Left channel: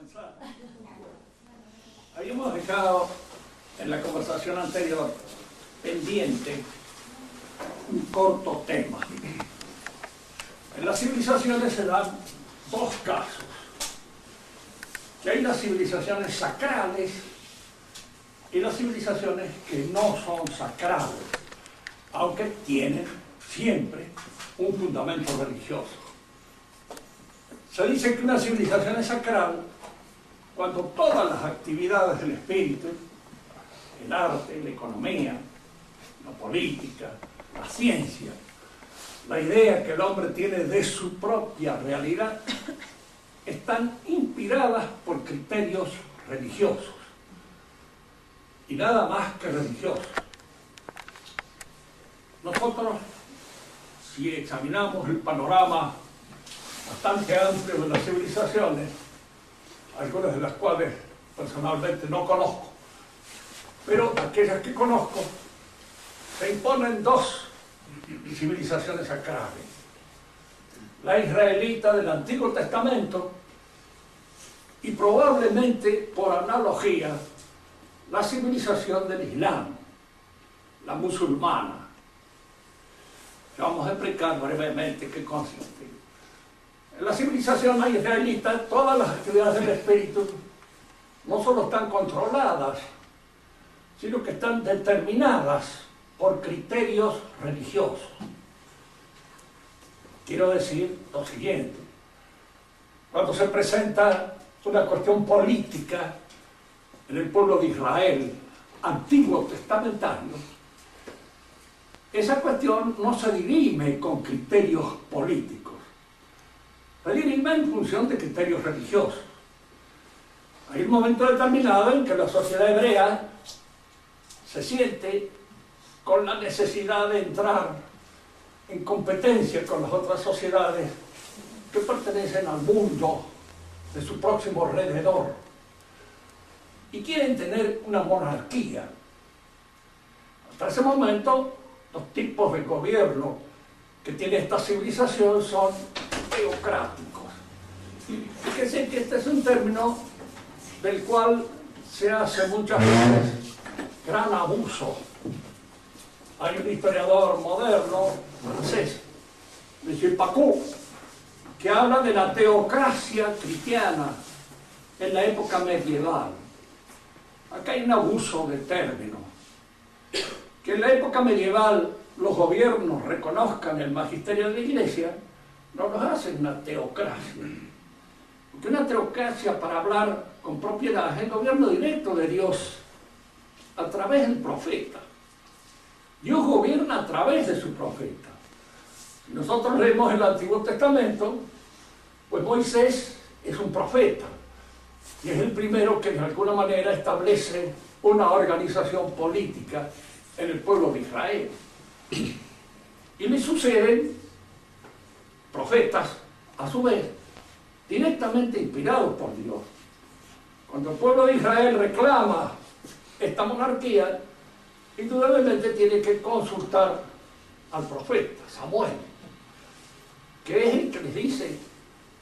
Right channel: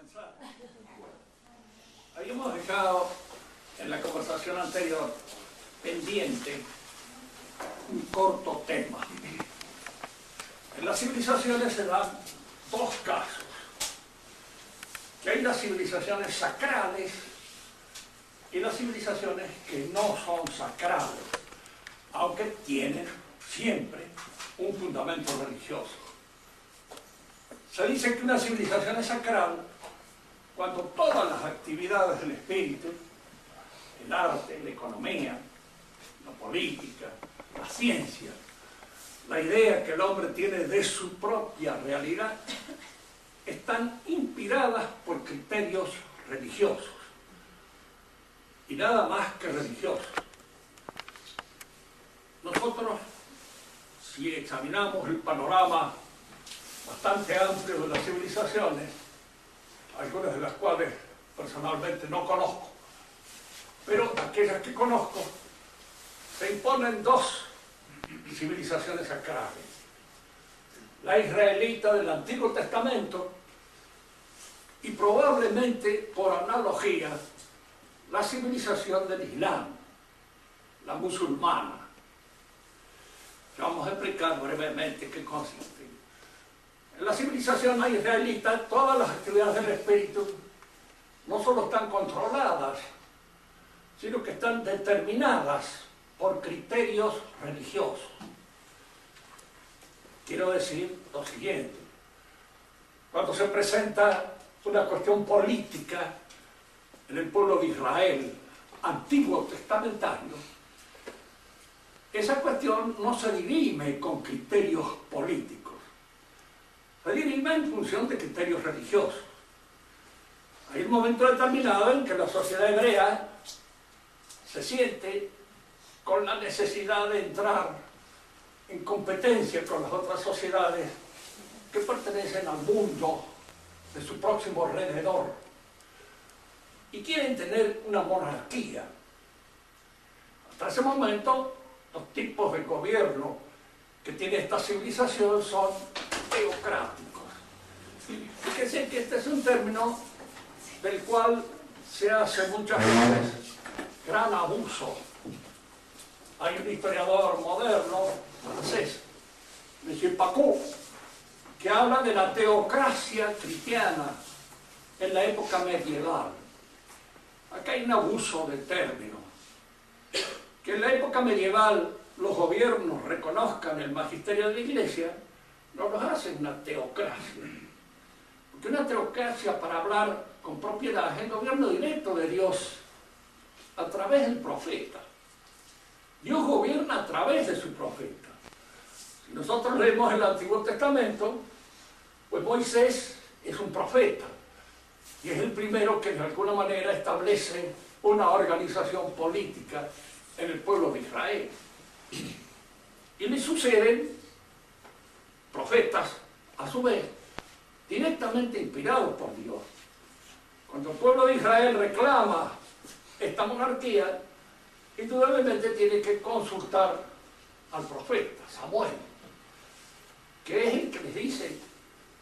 comenzar. Habíamos dejado en la conversación anterior pendiente un corto tema. En las civilizaciones se dan dos casos. Que hay las civilizaciones sacrales y las civilizaciones que no son sacrales, aunque tienen siempre un fundamento religioso. Se dice que una civilización es sacral cuando todas las actividades del espíritu, el arte, la economía, la política, la ciencia, la idea que el hombre tiene de su propia realidad, están inspiradas por criterios religiosos, y nada más que religiosos. Nosotros, si examinamos el panorama bastante amplio de las civilizaciones, algunas de las cuales personalmente no conozco, pero aquellas que conozco, se imponen dos civilizaciones sacrales. La israelita del Antiguo Testamento y probablemente, por analogía, la civilización del Islam, la musulmana. Vamos a explicar brevemente qué consiste. En la civilización israelita, todas las actividades del espíritu no solo están controladas, sino que están determinadas por criterios religiosos. Quiero decir lo siguiente: cuando se presenta una cuestión política en el pueblo de Israel, antiguo testamentario, esa cuestión no se dirime con criterios políticos, se dirime en función de criterios religiosos. Hay un momento determinado en que la sociedad hebrea se siente con la necesidad de entrar en competencia con las otras sociedades que pertenecen al mundo de su próximo alrededor y quieren tener una monarquía. Hasta ese momento, los tipos de gobierno que tiene esta civilización son teocráticos. Fíjense que este es un término del cual se hace muchas veces gran abuso. Hay un historiador moderno francés, M. Pacou, que habla de la teocracia cristiana en la época medieval. Acá hay un abuso de término. Que en la época medieval los gobiernos reconozcan el magisterio de la Iglesia, no los hacen una teocracia. Porque una teocracia, para hablar con propiedad, es el gobierno directo de Dios a través del profeta. Dios gobierna a través de su profeta. Si nosotros leemos el Antiguo Testamento, pues Moisés es un profeta y es el primero que de alguna manera establece una organización política en el pueblo de Israel. Y le suceden profetas, a su vez, directamente inspirados por Dios. Cuando el pueblo de Israel reclama esta monarquía, indudablemente tiene que consultar al profeta Samuel, que es el que les dice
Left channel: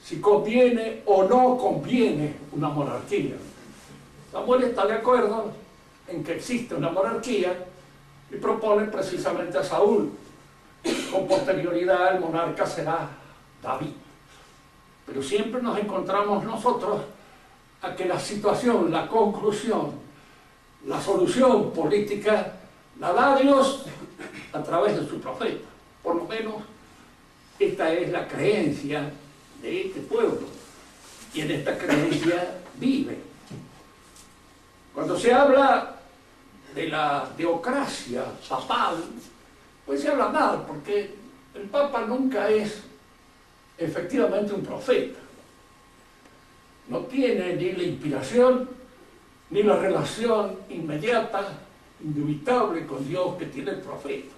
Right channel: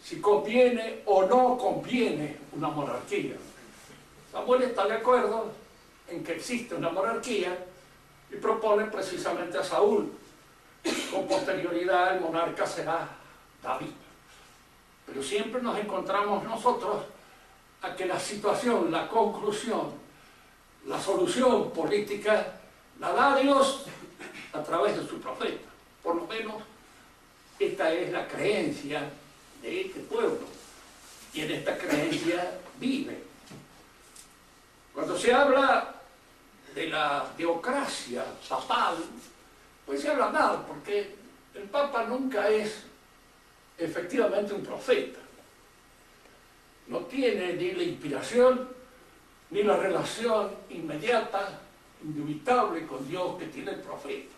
si conviene o no conviene una monarquía. Samuel está de acuerdo en que existe una monarquía y propone precisamente a Saúl. Con posterioridad el monarca será David. Pero siempre nos encontramos nosotros a que la situación, la conclusión, la solución política la da Dios a través de su profeta. Por lo menos esta es la creencia de este pueblo, y en esta creencia vive. Cuando se habla de la teocracia papal, pues se habla mal, porque el papa nunca es efectivamente un profeta. No tiene ni la inspiración ni la relación inmediata, indubitable con Dios que tiene el profeta.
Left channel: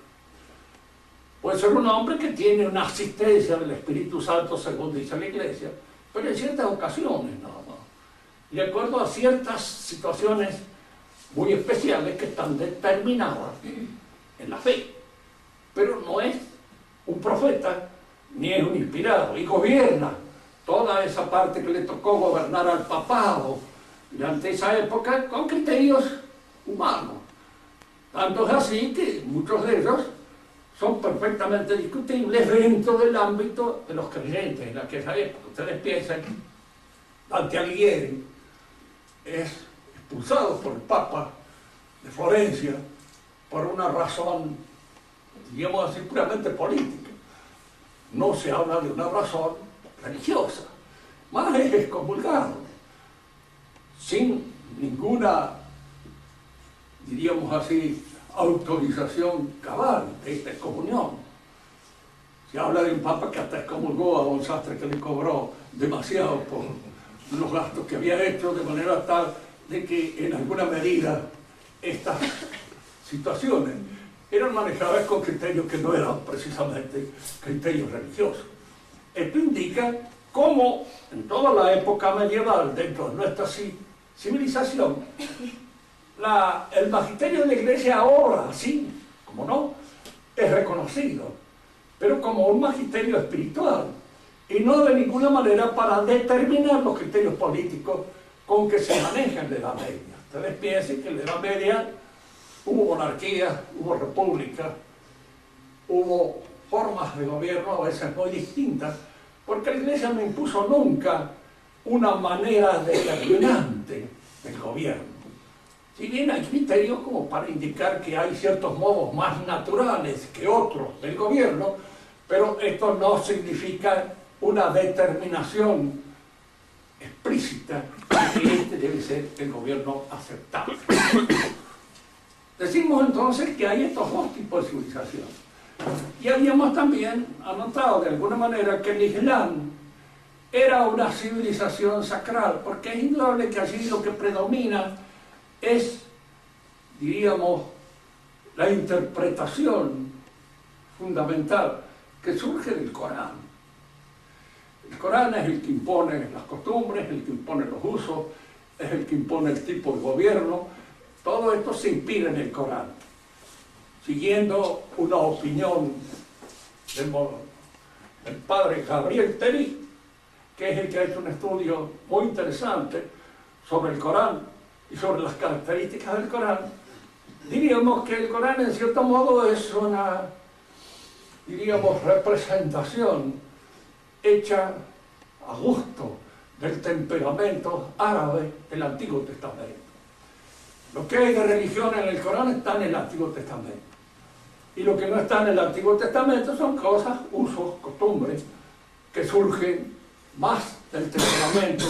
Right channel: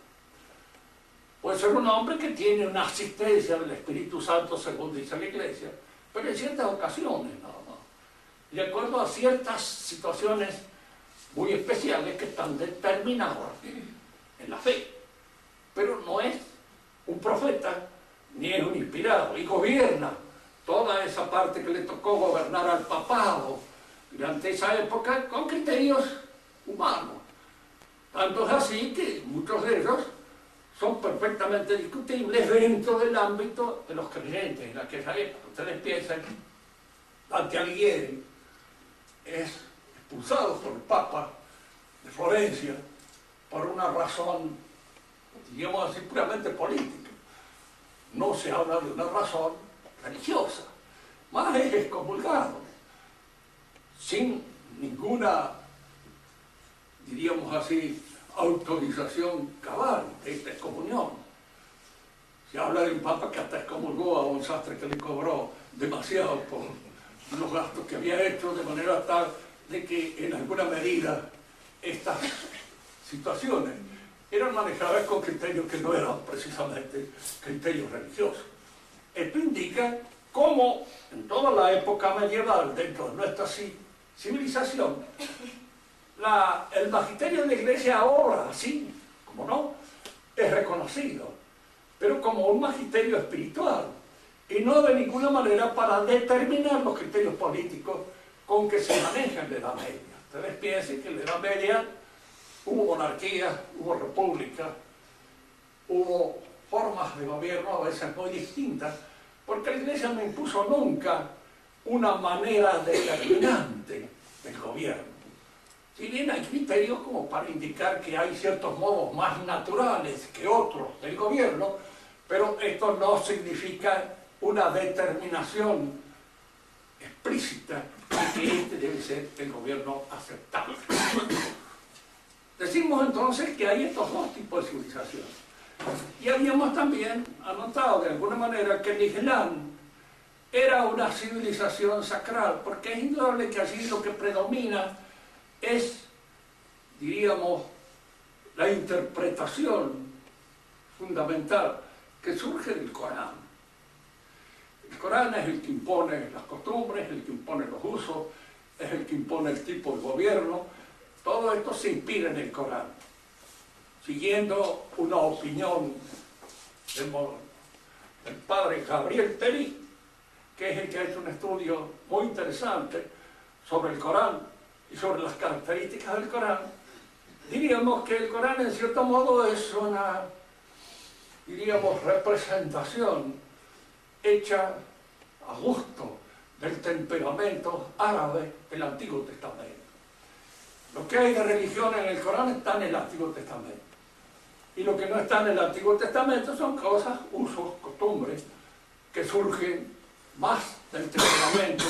Puede ser un hombre que tiene una asistencia del Espíritu Santo, según dice la Iglesia, pero en ciertas ocasiones nada más, de acuerdo a ciertas situaciones muy especiales que están determinadas en la fe. Pero no es un profeta, ni es un inspirado, y gobierna toda esa parte que le tocó gobernar al papado durante esa época con criterios humanos. Tanto es así que muchos de ellos son perfectamente discutibles dentro del ámbito de los creyentes en aquella época. Ustedes piensan, Dante Alighieri es expulsado por el Papa de Florencia por una razón, digamos así, puramente política. No se habla de una razón religiosa, más es excomulgado, sin ninguna, diríamos así, autorización cabal de esta excomunión. Se habla de un papa que hasta excomulgó a un sastre que le cobró demasiado por los gastos que había hecho, de manera tal de que en alguna medida estas situaciones eran manejadas con criterios que no eran precisamente criterios religiosos. Esto indica cómo en toda la época medieval, dentro de nuestra civilización, el magisterio de la Iglesia ahora, sí, como no, es reconocido, pero como un magisterio espiritual, y no de ninguna manera para determinar los criterios políticos con que se manejan en la Edad Media. Ustedes piensen que en la Edad Media hubo monarquía, hubo república, hubo formas de gobierno a veces muy distintas, porque la Iglesia no impuso nunca una manera determinante del gobierno. Si bien hay criterios como para indicar que hay ciertos modos más naturales que otros del gobierno, pero esto no significa una determinación explícita de que este debe ser el gobierno aceptable. Decimos entonces que hay estos dos tipos de civilización. Y habíamos también anotado de alguna manera que el Islam era una civilización sacral, porque es indudable que allí lo que predomina es, diríamos, la interpretación fundamental que surge del Corán. El Corán es el que impone las costumbres, el que impone los usos, es el que impone el tipo de gobierno. Todo esto se inspira en el Corán, siguiendo una opinión del padre Gabriel Teri, que es el que ha hecho un estudio muy interesante sobre el Corán y sobre las características del Corán. Diríamos que el Corán en cierto modo es una, diríamos, representación hecha a gusto del temperamento árabe del Antiguo Testamento. Lo que hay de religión en el Corán está en el Antiguo Testamento. Y lo que no está en el Antiguo Testamento son cosas, usos, costumbres, que surgen más del temperamento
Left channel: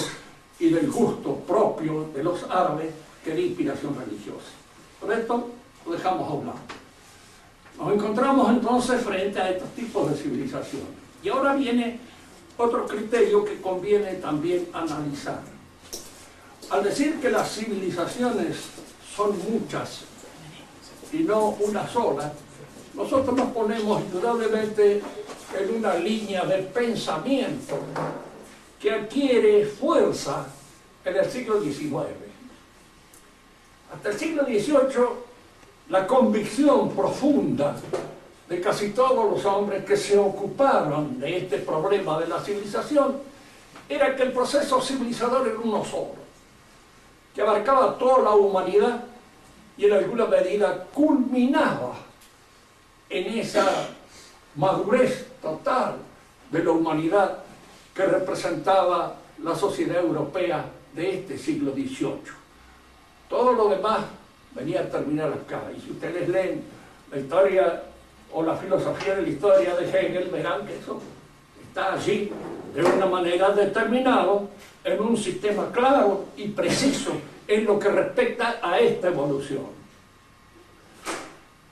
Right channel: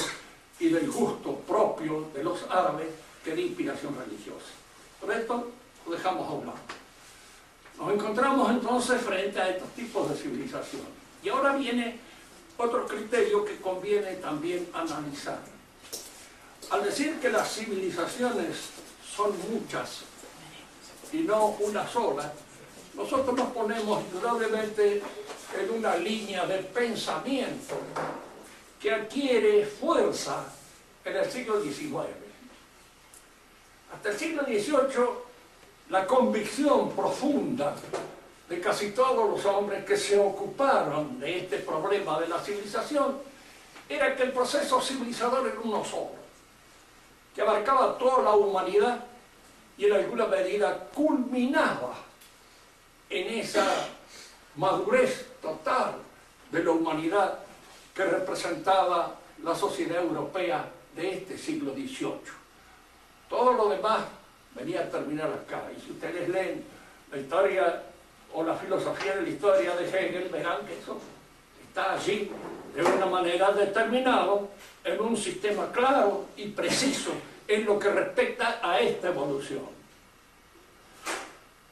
y del gusto propio de los árabes que de inspiración religiosa. Por esto lo dejamos a un lado. Nos encontramos entonces frente a estos tipos de civilización. Y ahora viene otro criterio que conviene también analizar. Al decir que las civilizaciones son muchas y no una sola, nosotros nos ponemos indudablemente en una línea de pensamiento que adquiere fuerza en el siglo XIX. Hasta el siglo XVIII, la convicción profunda de casi todos los hombres que se ocuparon de este problema de la civilización era que el proceso civilizador era uno solo, que abarcaba toda la humanidad y en alguna medida culminaba en esa madurez total de la humanidad que representaba la sociedad europea de este siglo XVIII. Todo lo demás venía a terminar acá. Y si ustedes leen la historia o la filosofía de la historia de Hegel, verán que eso está allí de una manera determinada en un sistema claro y preciso en lo que respecta a esta evolución.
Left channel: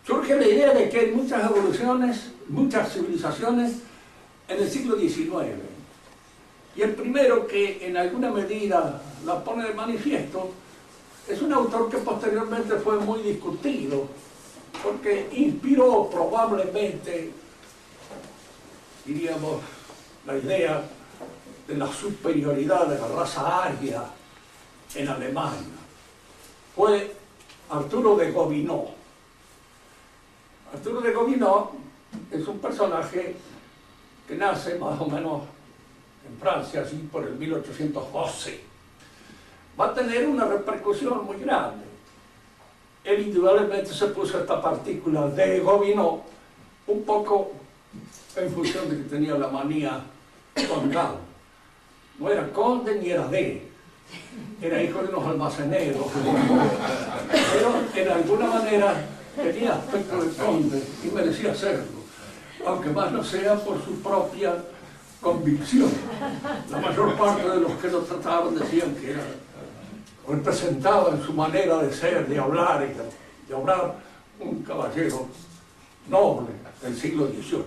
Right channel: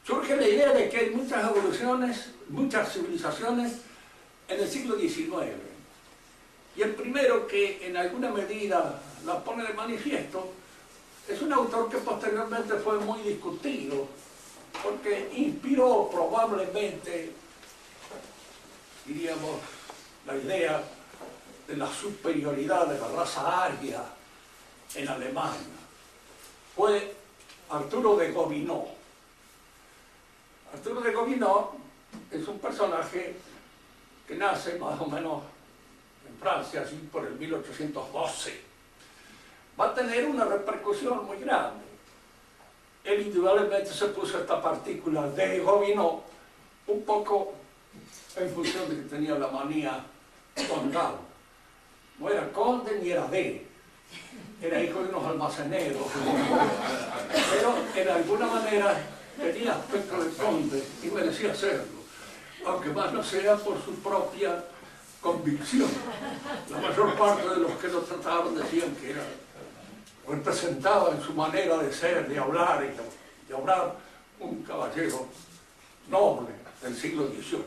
Surge la idea de que hay muchas evoluciones, muchas civilizaciones en el siglo XIX. Y el primero que en alguna medida la pone de manifiesto es un autor que posteriormente fue muy discutido, porque inspiró probablemente, diríamos, la idea de la superioridad de la raza aria en Alemania. Fue Arturo de Gobineau. Arturo de Gobineau es un personaje que nace más o menos en Francia, así por el 1812, va a tener una repercusión muy grande. Él indudablemente se puso esta partícula de Gobineau un poco en función de que tenía la manía condal. No era conde ni era era hijo de unos almaceneros, pero en alguna manera tenía aspecto de conde y merecía serlo, aunque más no sea por su propia convicción. La mayor parte de los que lo trataban decían que era, representaba en su manera de ser, de hablar y de obrar un caballero noble del siglo XVIII.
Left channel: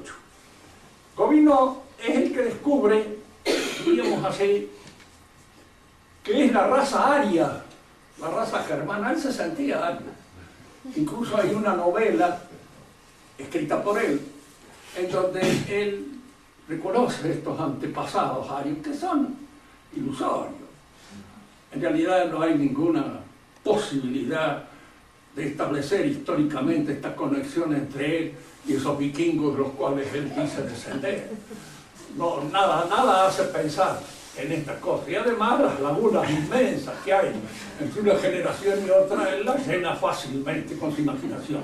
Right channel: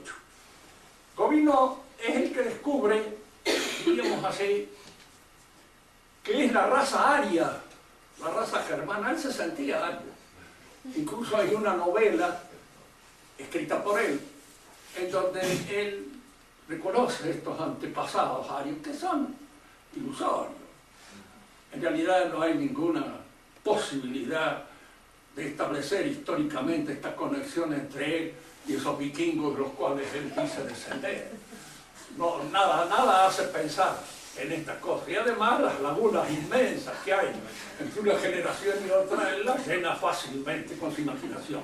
Gobineau es el que descubre, diríamos así, que es la raza aria, la raza germana. Él se sentía ario. Incluso hay una novela escrita por él, en donde él reconoce estos antepasados arios, que son ilusorios. En realidad no hay ninguna posibilidad de establecer históricamente esta conexión entre él y esos vikingos de los cuales él dice descender. No, nada hace pensar en estas cosas. Y además las lagunas inmensas que hay entre una generación y otra, él las llena fácilmente con su imaginación.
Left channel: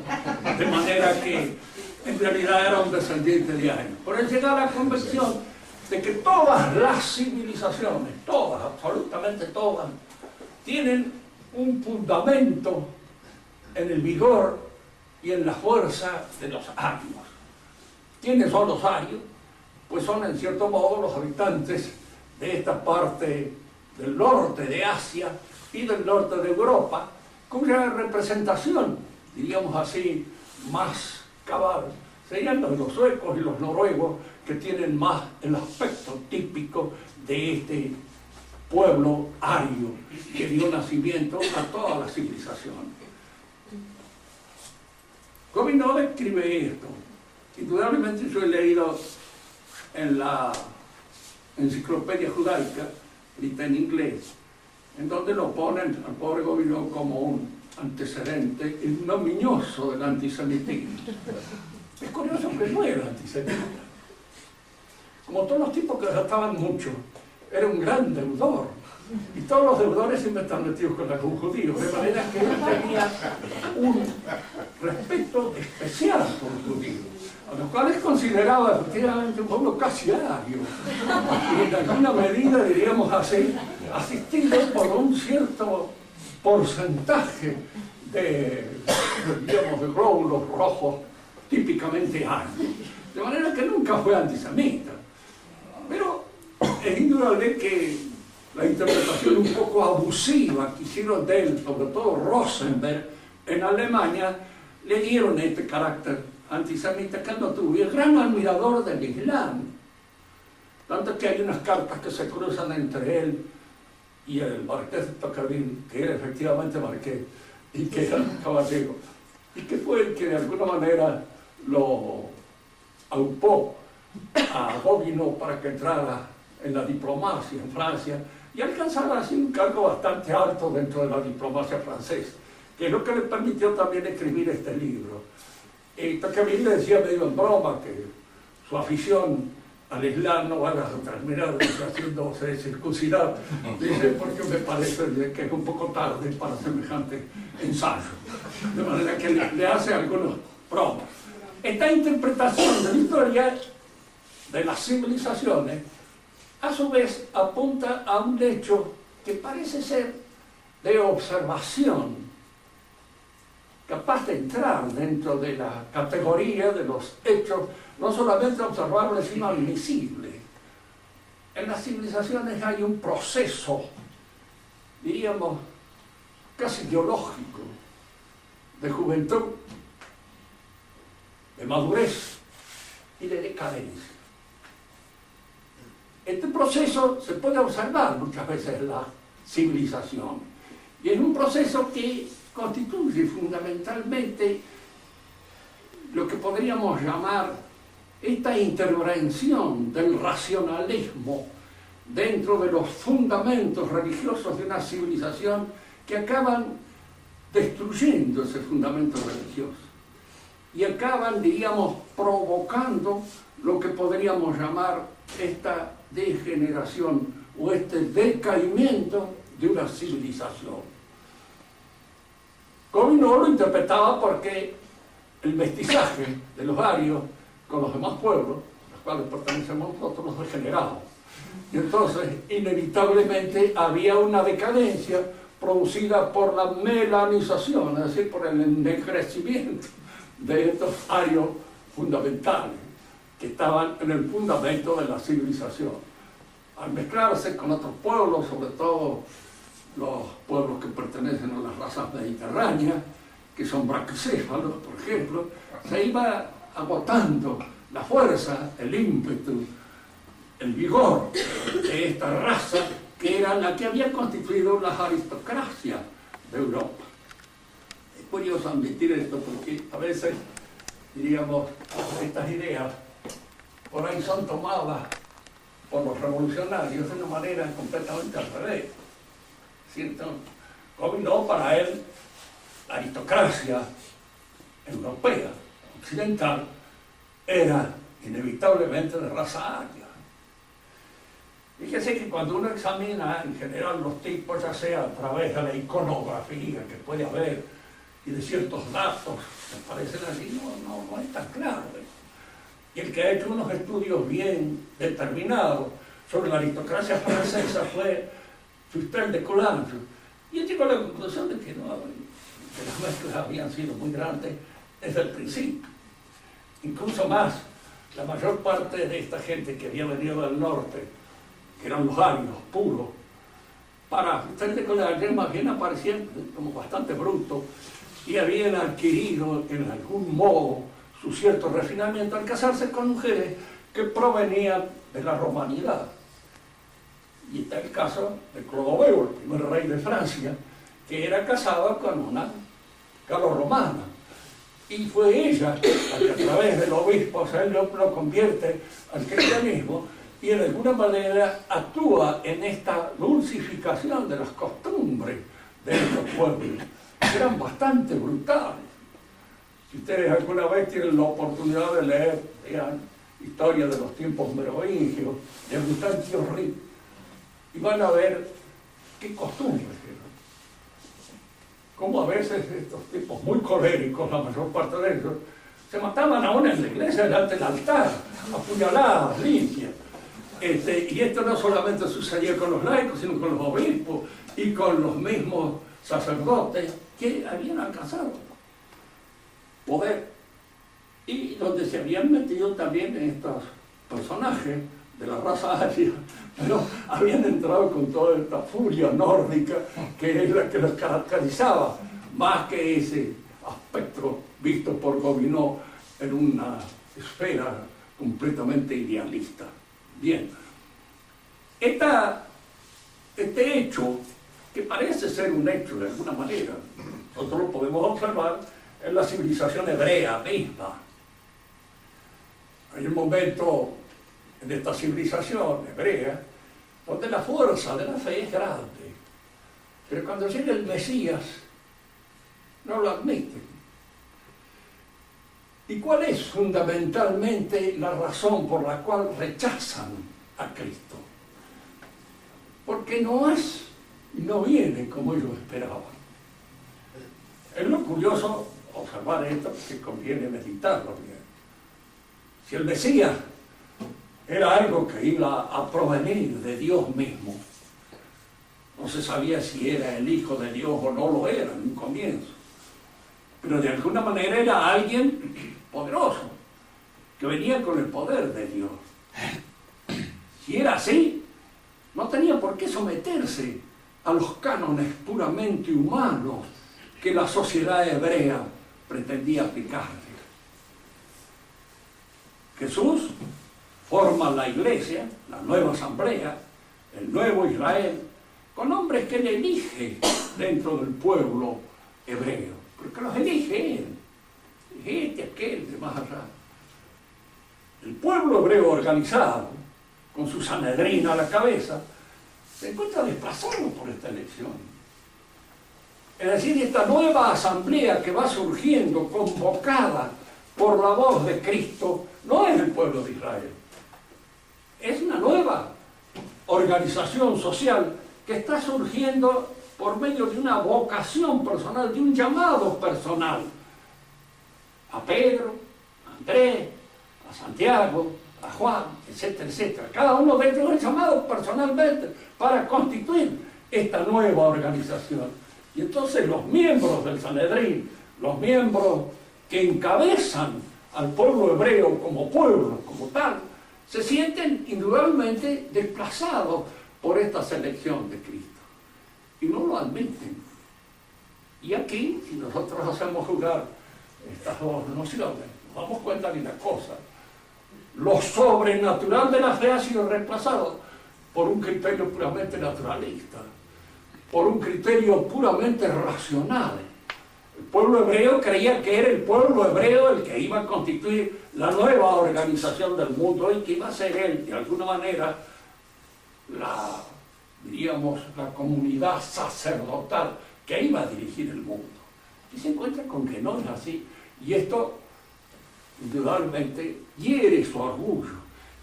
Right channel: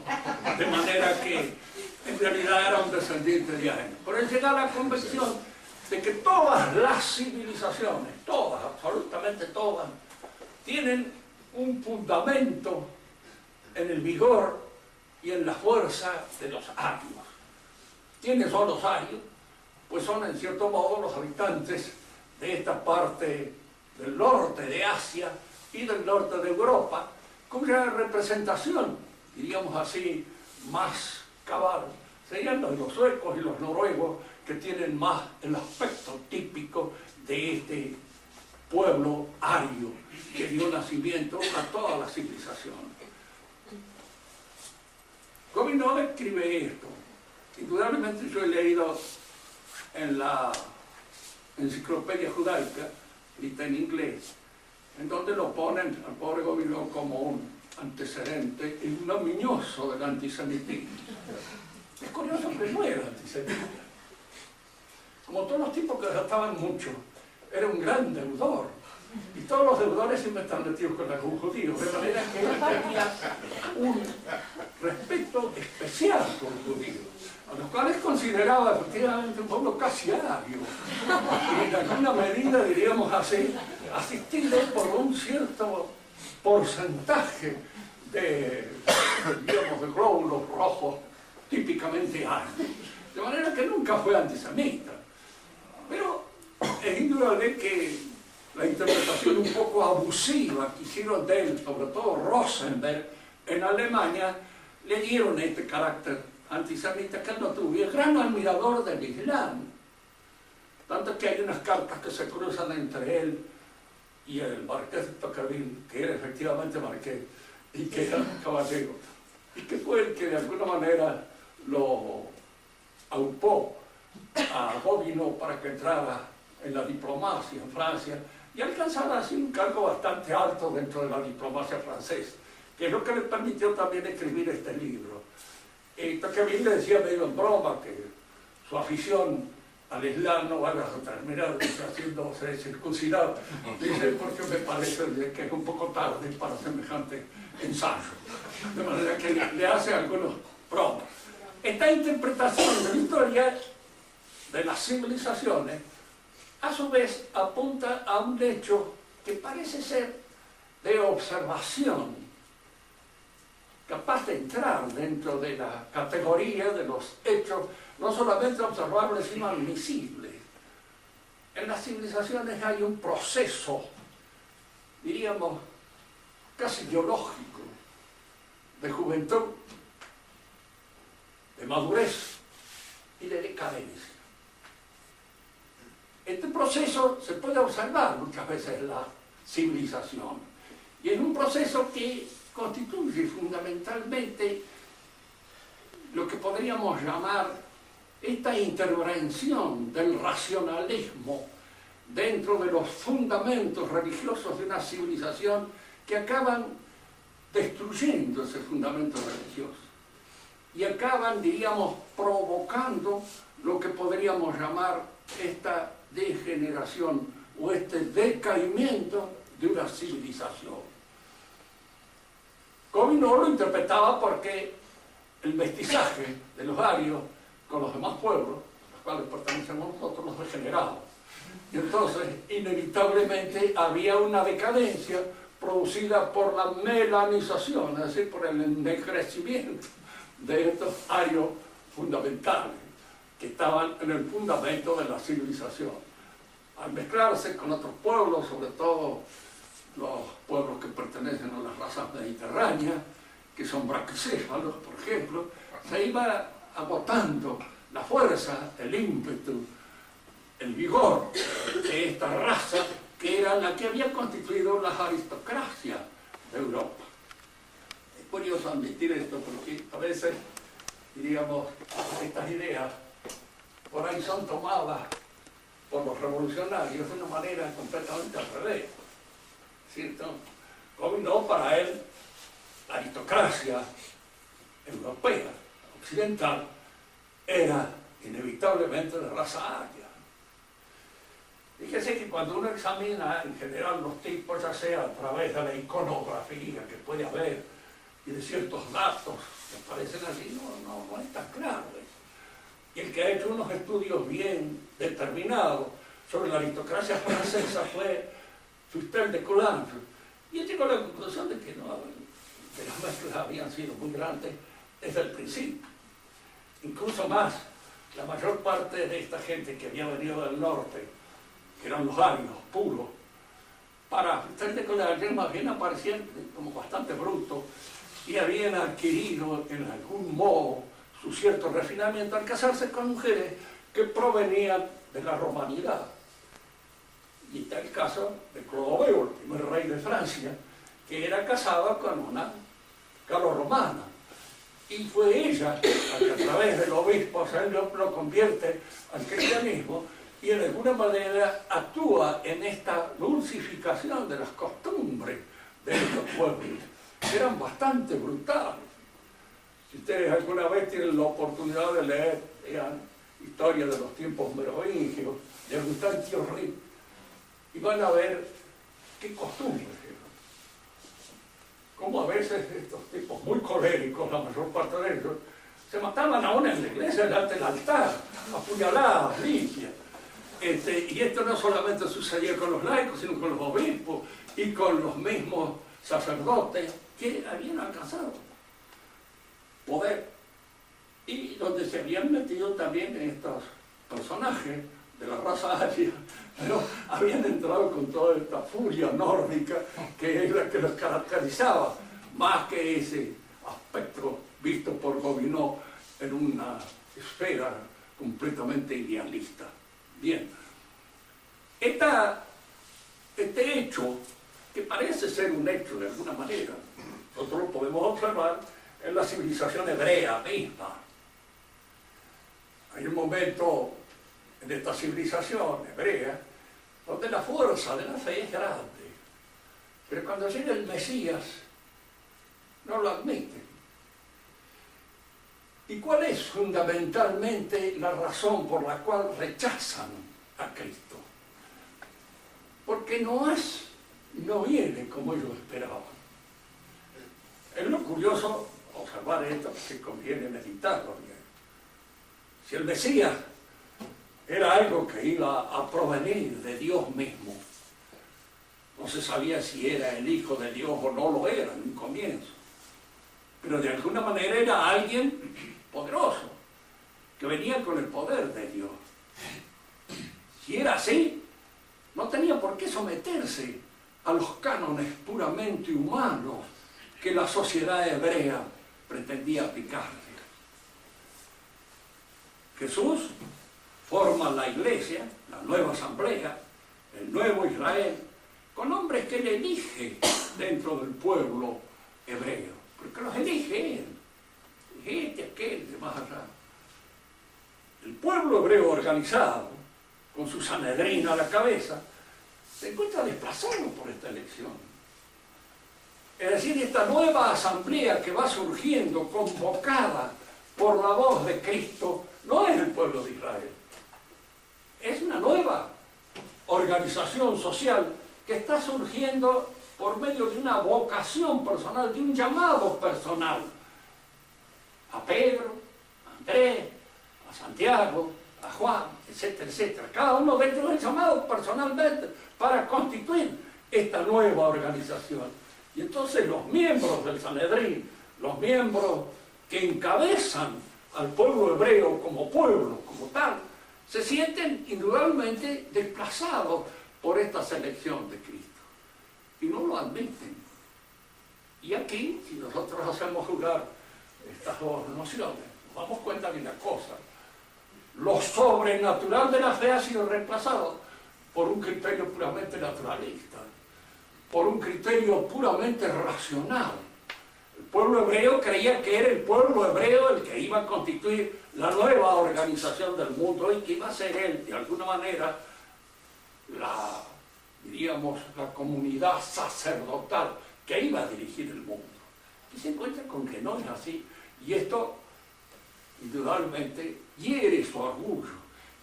De manera que en realidad era un descendiente de años. Por él llega a la convicción de que todas las civilizaciones, todas, absolutamente todas, tienen un fundamento en el vigor y en la fuerza de los arios. ¿Quiénes son los arios? Pues son en cierto modo los habitantes de esta parte del norte de Asia y del norte de Europa, cuya representación, diríamos así, más cabal, serían los suecos y los noruegos, que tienen más el aspecto típico de este pueblo ario que dio nacimiento a todas las civilizaciones. Gobineau describe esto. Indudablemente yo he leído en la Enciclopedia Judaica, escrita en inglés, en donde lo ponen al pobre Gobineau como un antecedente ignominioso del antisemitismo. Es curioso que no era antisemita. Como todos los tipos que gastaban mucho, era un gran deudor. Y todos los deudores siempre están metidos con algún judío, de manera que él tenía un respeto especial por los judíos, a los cuales consideraba efectivamente un pueblo casi ario, y en alguna medida, diríamos así, asistido por un cierto porcentaje de, digamos, de glóbulos rojos típicamente arios, de manera que nunca fue antisemita. Pero es indudable que la interpretación un poco abusiva que hicieron de él, sobre todo Rosenberg, en Alemania, le dieron este carácter antisemita que él no tuvo. Y es gran admirador del Islam. Tanto que hay unas cartas que se cruzan entre él y el marqués de Tocqueville, que era efectivamente marqués, y que era caballero, y que fue el que de alguna manera lo aupó a Gobineau para que entrara en la diplomacia en Francia y alcanzara así un cargo bastante alto dentro de la diplomacia francesa, que es lo que le permitió también escribir este libro. Tocqueville le decía medio en broma que su afición al Islam no va a terminar haciéndose circuncidar, dice, porque me parece que es un poco tarde para semejante ensayo, de manera que le hace algunos bromas. Esta interpretación de la historia de las civilizaciones a su vez apunta a un hecho que parece ser de observación, capaz de entrar dentro de la categoría de los hechos no solamente observables sino admisibles. En las civilizaciones hay un proceso, diríamos, casi biológico, de juventud, de madurez y de decadencia. Este proceso se puede observar muchas veces en la civilización, y es un proceso que constituye fundamentalmente lo que podríamos llamar esta intervención del racionalismo dentro de los fundamentos religiosos de una civilización, que acaban destruyendo ese fundamento religioso y acaban, diríamos, provocando lo que podríamos llamar esta degeneración o este decaimiento de una civilización. Gobineau lo interpretaba porque el mestizaje de los arios con los demás pueblos, a los cuales pertenecemos nosotros, los degeneraba. Y entonces, inevitablemente, había una decadencia producida por la melanización, es decir, por el ennegrecimiento de estos arios fundamentales, que estaban en el fundamento de la civilización. Al mezclarse con otros pueblos, sobre todo los pueblos que pertenecen a las razas mediterráneas, que son braquicéfalos, por ejemplo, se iba agotando la fuerza, el ímpetu, el vigor de esta raza que era la que había constituido las aristocracias de Europa. Es curioso admitir esto porque a veces, diríamos, estas ideas por ahí son tomadas por los revolucionarios de una manera completamente al revés, ¿cierto? Gobineau, para él, la aristocracia europea, occidental, era inevitablemente de raza aria. Fíjese que cuando uno examina en general los tipos, ya sea a través de la iconografía que puede haber y de ciertos datos que aparecen allí, no es tan claro eso. Y el que ha hecho unos estudios bien determinados sobre la aristocracia francesa fue Fustel de Coulanges. Y él llegó a la conclusión de que las mezclas habían sido muy grandes desde el principio. Incluso más, la mayor parte de esta gente que había venido del norte, que eran los arios puros, para Fustel de Coulanges más bien aparecían como bastante brutos y habían adquirido en algún modo su cierto refinamiento al casarse con mujeres que provenían de la romanidad. Y está el caso de Clodoveo, el primer rey de Francia, que era casado con una galorromana. Y fue ella la que a través del obispo se lo convierte al cristianismo y de alguna manera actúa en esta dulcificación de las costumbres de estos pueblos, que eran bastante brutales. Si ustedes alguna vez tienen la oportunidad de leer, vean, historia de los tiempos merovingios, de Agustín Thierry, y van a ver qué costumbres eran. Cómo a veces estos tipos muy coléricos, la mayor parte de ellos, se mataban aún en la iglesia delante del altar, apuñaladas, limpias. Y esto no solamente sucedía con los laicos, sino con los obispos y con los mismos sacerdotes que habían alcanzado poder, y donde se habían metido también estos personajes de la raza aria, pero habían entrado con toda esta furia nórdica que es la que los caracterizaba, más que ese aspecto visto por Gobineau en una esfera completamente idealista. Bien, este hecho, que parece ser un hecho de alguna manera, nosotros lo podemos observar en la civilización hebrea misma. Hay un momento en esta civilización hebrea donde la fuerza de la fe es grande, pero cuando llega el Mesías no lo admiten. ¿Y cuál es fundamentalmente la razón por la cual rechazan a Cristo? Porque no viene como ellos esperaban. Es lo curioso observar esto, que conviene meditarlo bien. Si el Mesías era algo que iba a provenir de Dios mismo, no se sabía si era el Hijo de Dios o no lo era en un comienzo, pero de alguna manera era alguien poderoso, que venía con el poder de Dios. Si era así, no tenía por qué someterse a los cánones puramente humanos que la sociedad hebrea pretendía aplicarle. Jesús forma la iglesia, la nueva asamblea, el nuevo Israel, con hombres que él elige dentro del pueblo hebreo, porque los elige él, aquel, de más allá. El pueblo hebreo organizado, con su Sanedrín a la cabeza, se encuentra desplazado por esta elección. Es decir, esta nueva asamblea que va surgiendo, convocada por la voz de Cristo no es el pueblo de Israel. Es una nueva organización social que está surgiendo por medio de una vocación personal, de un llamado personal. A Pedro, a Andrés, a Santiago, a Juan, etcétera, etcétera. Cada uno de ellos es llamado personalmente para constituir esta nueva organización. Y entonces los miembros del Sanedrín, los miembros que encabezan al pueblo hebreo como pueblo, como tal, se sienten indudablemente desplazados por esta selección de Cristo. Y no lo admiten. Y aquí, si nosotros hacemos jugar estas dos nociones, nos damos cuenta de una cosa. Lo sobrenatural de la fe ha sido reemplazado por un criterio puramente naturalista, por un criterio puramente racional. El pueblo hebreo creía que era el pueblo hebreo el que iba a constituir la nueva organización del mundo y que iba a ser él, de alguna manera, la comunidad sacerdotal que iba a dirigir el mundo. Y se encuentra con que no es así. Y esto, indudablemente, hiere su orgullo.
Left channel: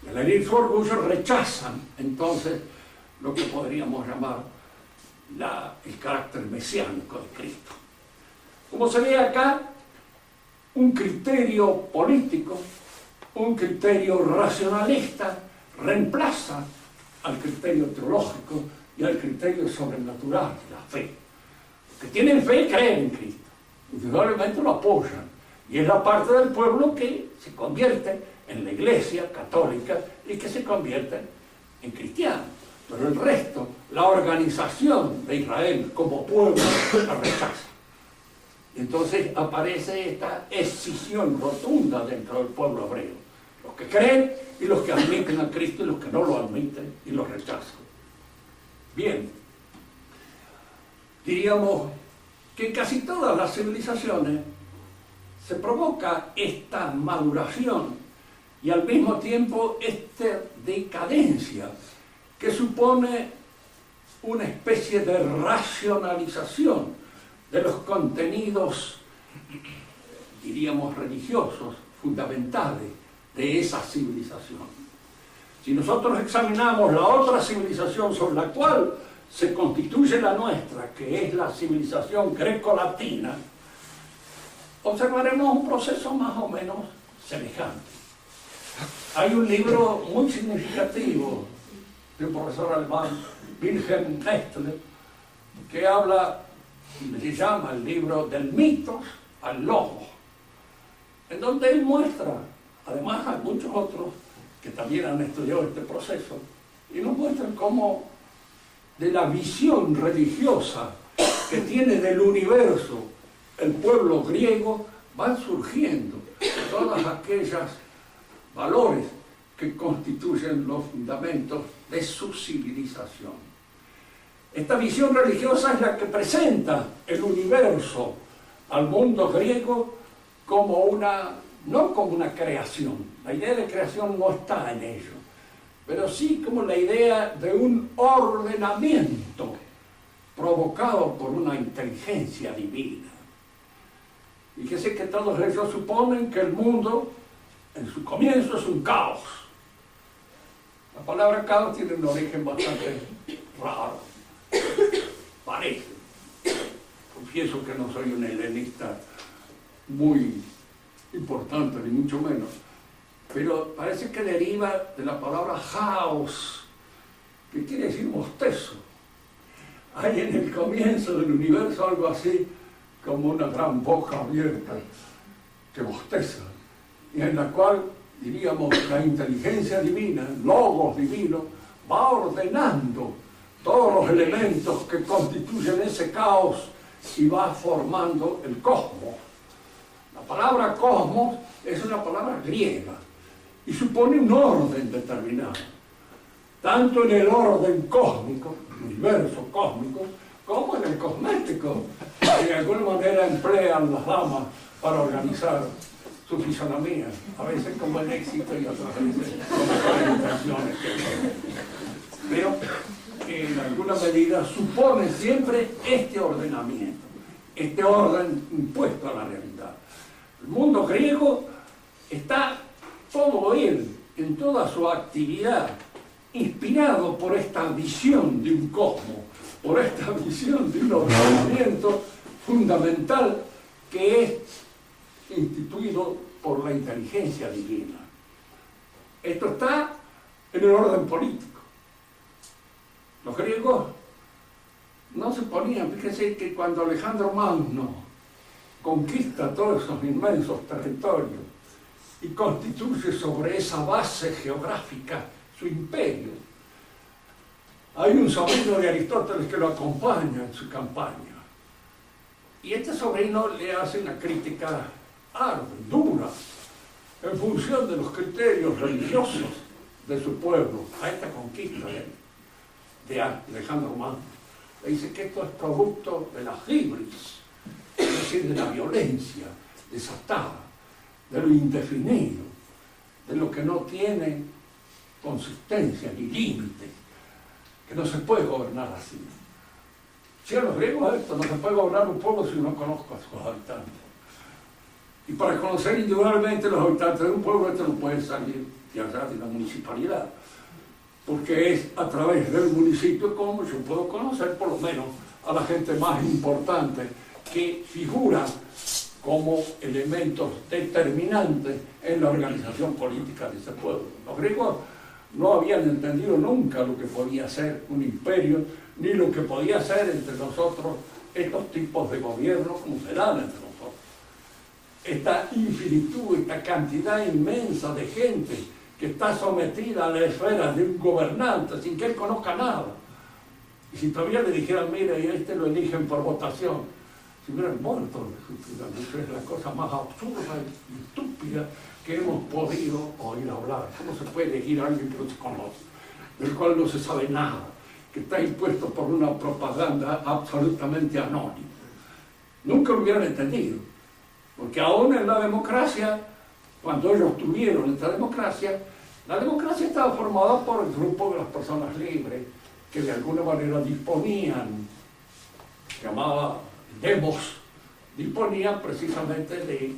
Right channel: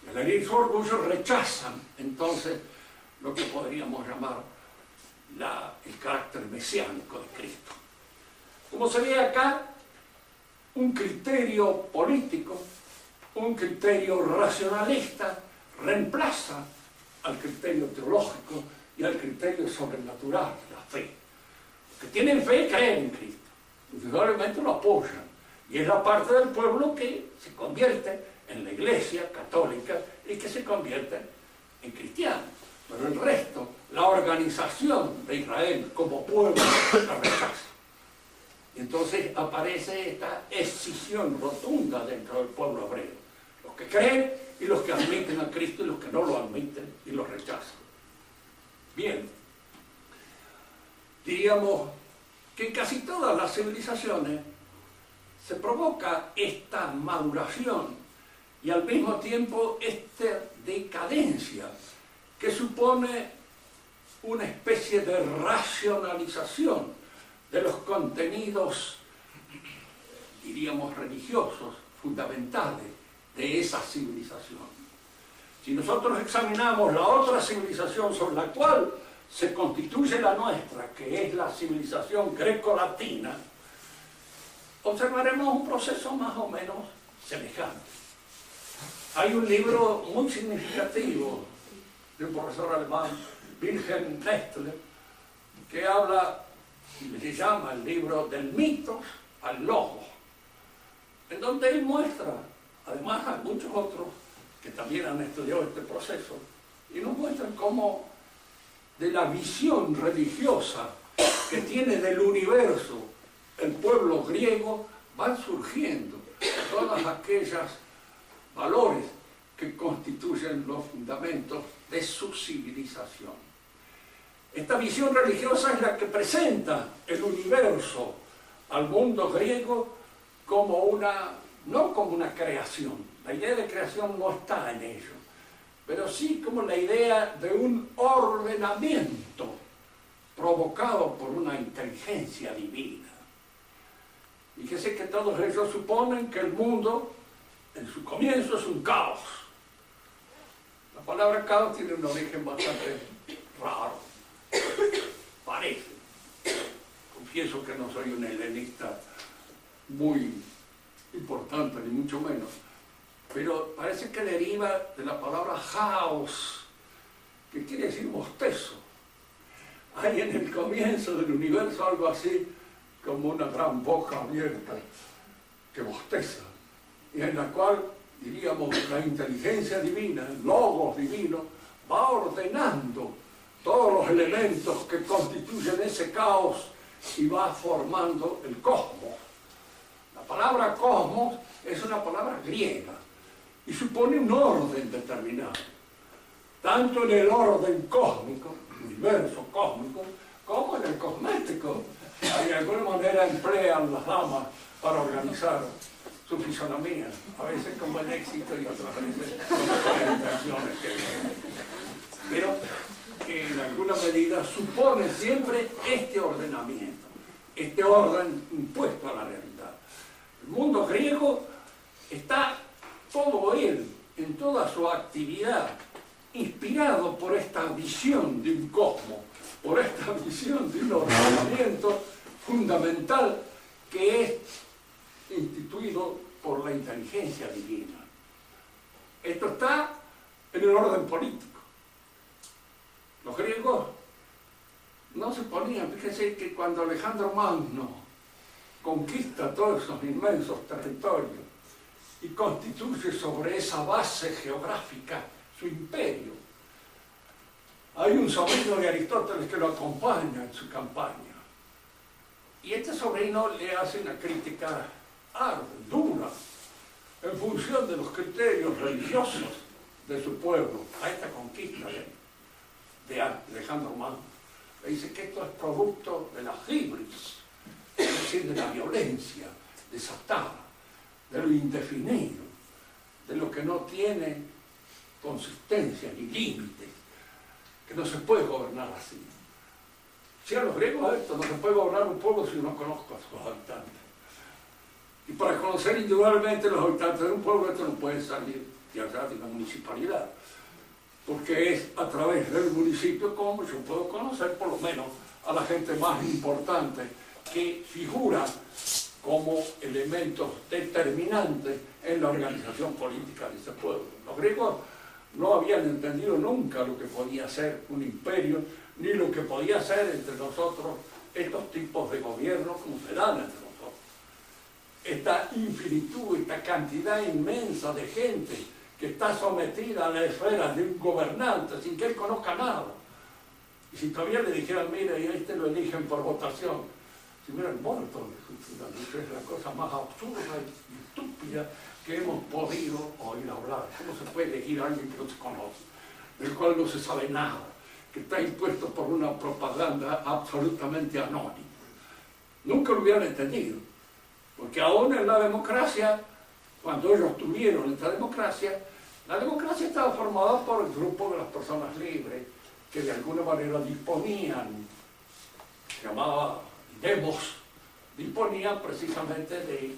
Y al herir su orgullo rechazan, entonces, lo que podríamos llamar el carácter mesiánico de Cristo. Como se ve acá, un criterio político, un criterio racionalista, reemplaza al criterio teológico y al criterio sobrenatural de la fe. Los que tienen fe creen en Cristo, indudablemente lo apoyan, y es la parte del pueblo que se convierte en la Iglesia católica y que se convierte en cristianos. Pero el resto, la organización de Israel como pueblo, la rechaza. Y entonces aparece esta escisión rotunda dentro del pueblo hebreo. Los que creen y los que admiten a Cristo y los que no lo admiten y lo rechazan. Bien, diríamos que en casi todas las civilizaciones se provoca esta maduración y al mismo tiempo esta decadencia que supone una especie de racionalización de los contenidos, diríamos, religiosos, fundamentales de esa civilización. Si nosotros examinamos la otra civilización sobre la cual se constituye la nuestra, que es la civilización greco-latina, observaremos un proceso más o menos semejante. Hay un libro muy significativo de un profesor alemán, Wilhelm Nestler, que habla, y se llama el libro del mito al logos, en donde él muestra, además hay muchos otros que también han estudiado este proceso, y nos muestran cómo de la visión religiosa que tiene del universo el pueblo griego van surgiendo todas aquellas valores que constituyen los fundamentos de su civilización. Esta visión religiosa es la que presenta el universo al mundo griego como no como una creación. La idea de creación no está en ello, pero sí como la idea de un ordenamiento provocado por una inteligencia divina. Fíjese que todos ellos suponen que el mundo, en su comienzo, es un caos. La palabra caos tiene un origen bastante raro. Parece. Confieso que no soy un helenista muy importante, ni mucho menos. Pero parece que deriva de la palabra haos, que quiere decir bostezo. Hay en el comienzo del universo algo así como una gran boca abierta que bosteza, y en la cual, diríamos, la inteligencia divina, el logos divino, va ordenando todos los elementos que constituyen ese caos y va formando el cosmos. La palabra cosmos es una palabra griega y supone un orden determinado, tanto en el orden cósmico, el universo cósmico, como en el cosmético, que de alguna manera emplean las damas para organizar su fisonomía, a veces con buen éxito y otras veces con mejores intenciones. Pero que en alguna medida supone siempre este ordenamiento, este orden impuesto a la realidad. El mundo griego está todo él, en toda su actividad, inspirado por esta visión de un cosmos, por esta visión de un ordenamiento fundamental que es instituido por la inteligencia divina. Esto está en el orden político. Los griegos no se ponían, fíjense que cuando Alejandro Magno conquista todos esos inmensos territorios y constituye sobre esa base geográfica su imperio, hay un sobrino de Aristóteles que lo acompaña en su campaña. Y este sobrino le hace una crítica ardua, dura, en función de los criterios religiosos de su pueblo, a esta conquista de Alejandro Magno. Le dice que esto es producto de la hibris, es decir, de la violencia desatada, de lo indefinido, de lo que no tiene consistencia ni límites, que no se puede gobernar así. Si a los griegos esto, no se puede gobernar un pueblo si no conozco a sus habitantes. Y para conocer individualmente los habitantes de un pueblo, esto no puede salir de allá de la municipalidad, porque es a través del municipio como yo puedo conocer por lo menos a la gente más importante que figura como elementos determinantes en la organización política de ese pueblo. Los griegos no habían entendido nunca lo que podía ser un imperio, ni lo que podía ser entre nosotros estos tipos de gobierno como se dan entre nosotros. Esta infinitud, esta cantidad inmensa de gente que está sometida a la esfera de un gobernante sin que él conozca nada. Y si todavía le dijeran, mira, y a este lo eligen por votación, si hubieran muerto, eso es la cosa más absurda y estúpida que hemos podido oír hablar. ¿Cómo se puede elegir a alguien que no se conoce, del cual no se sabe nada, que está impuesto por una propaganda absolutamente anónima? Nunca lo hubieran entendido, porque aún en la democracia, cuando ellos tuvieron esta democracia, la democracia estaba formada por el grupo de las personas libres, que de alguna manera disponían, se llamaba demos, disponían precisamente de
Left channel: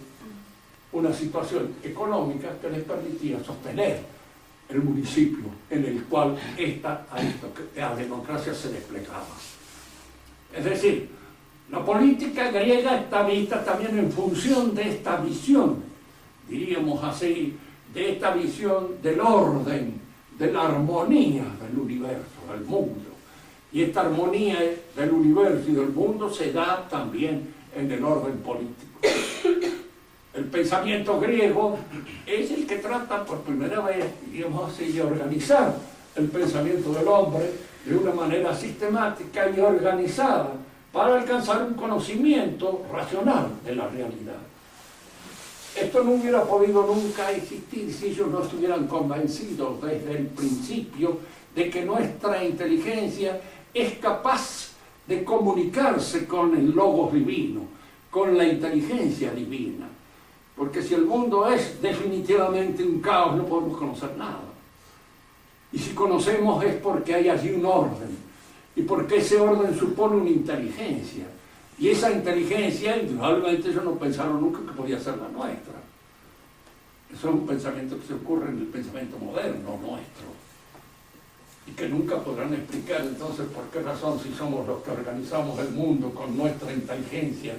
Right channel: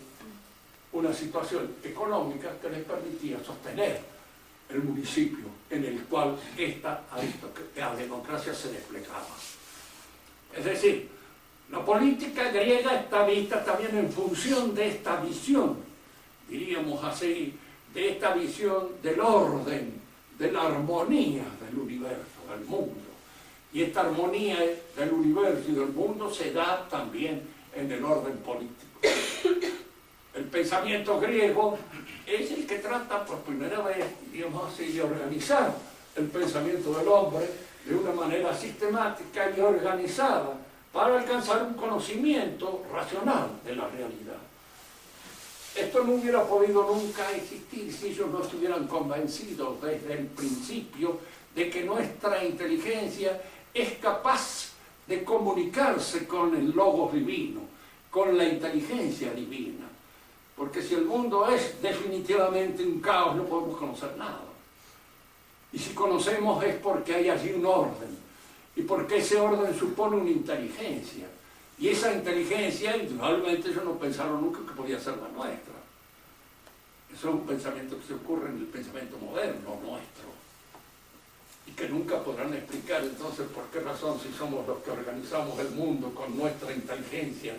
una situación económica que les permitía sostener el municipio en el cual la democracia se desplegaba. Es decir, la política griega está vista también en función de esta visión, diríamos así, de esta visión del orden, de la armonía del universo, del mundo. Y esta armonía del universo y del mundo se da también en el orden político. El pensamiento griego es el que trata por primera vez, diríamos así, de organizar el pensamiento del hombre de una manera sistemática y organizada para alcanzar un conocimiento racional de la realidad. Esto no hubiera podido nunca existir si ellos no estuvieran convencidos desde el principio de que nuestra inteligencia es capaz de comunicarse con el logos divino, con la inteligencia divina. Porque si el mundo es definitivamente un caos, no podemos conocer nada. Y si conocemos es porque hay allí un orden, y porque ese orden supone una inteligencia. Y esa inteligencia, indudablemente, ellos no pensaron nunca que podía ser la nuestra. Eso es un pensamiento que se ocurre en el pensamiento moderno nuestro, y que nunca podrán explicar entonces por qué razón, si somos los que organizamos el mundo con nuestra inteligencia,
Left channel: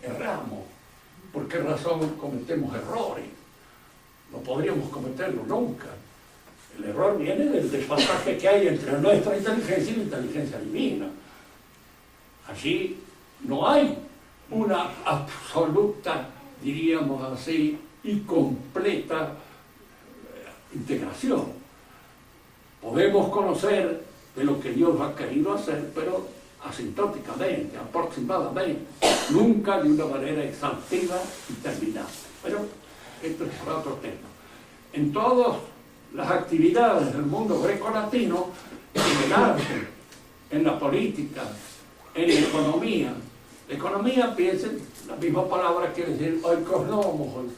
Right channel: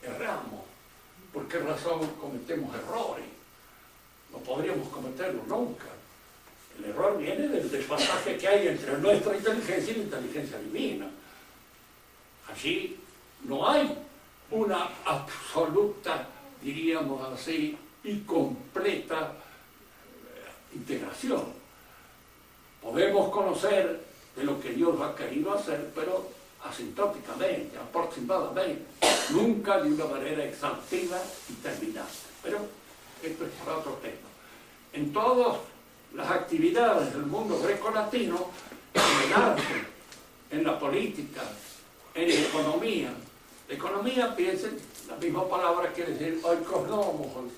erramos. ¿Por qué razón cometemos errores? No podríamos cometerlo nunca. El error viene del desfasaje que hay entre nuestra inteligencia y la inteligencia divina. Allí no hay una absoluta, diríamos así, y completa integración. Podemos conocer de lo que Dios ha querido hacer, pero asintóticamente, aproximadamente, nunca de una manera exhaustiva y terminada. Pero esto es para otro tema. En todas las actividades del mundo greco-latino, en el arte, en la política, en la economía. La economía, piensen, la misma palabra quiere decir oikosnomos,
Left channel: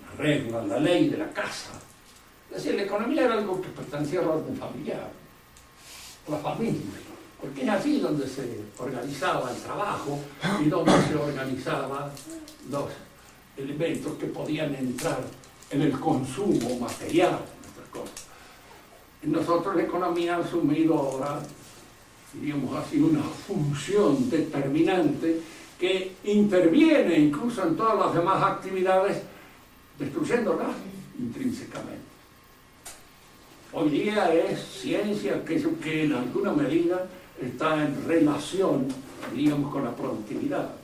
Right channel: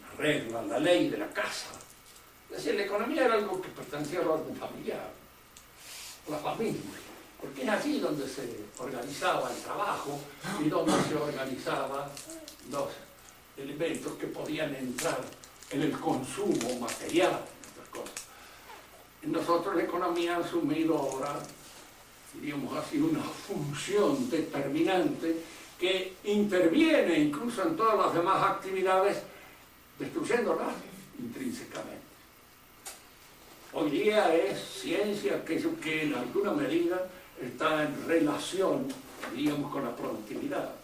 la regla, la ley de la casa. Es decir, la economía era algo que pertenecía al orden familiar, la familia. porque es así donde se organizaba el trabajo y donde se organizaban los elementos que podían entrar en el consumo material, otras cosas. Nosotros la economía ha asumido ahora, diríamos así, una función determinante que interviene incluso en todas las demás actividades, destruyéndolas intrínsecamente. Hoy día es ciencia aquello que en alguna medida está en relación, diríamos, con la productividad.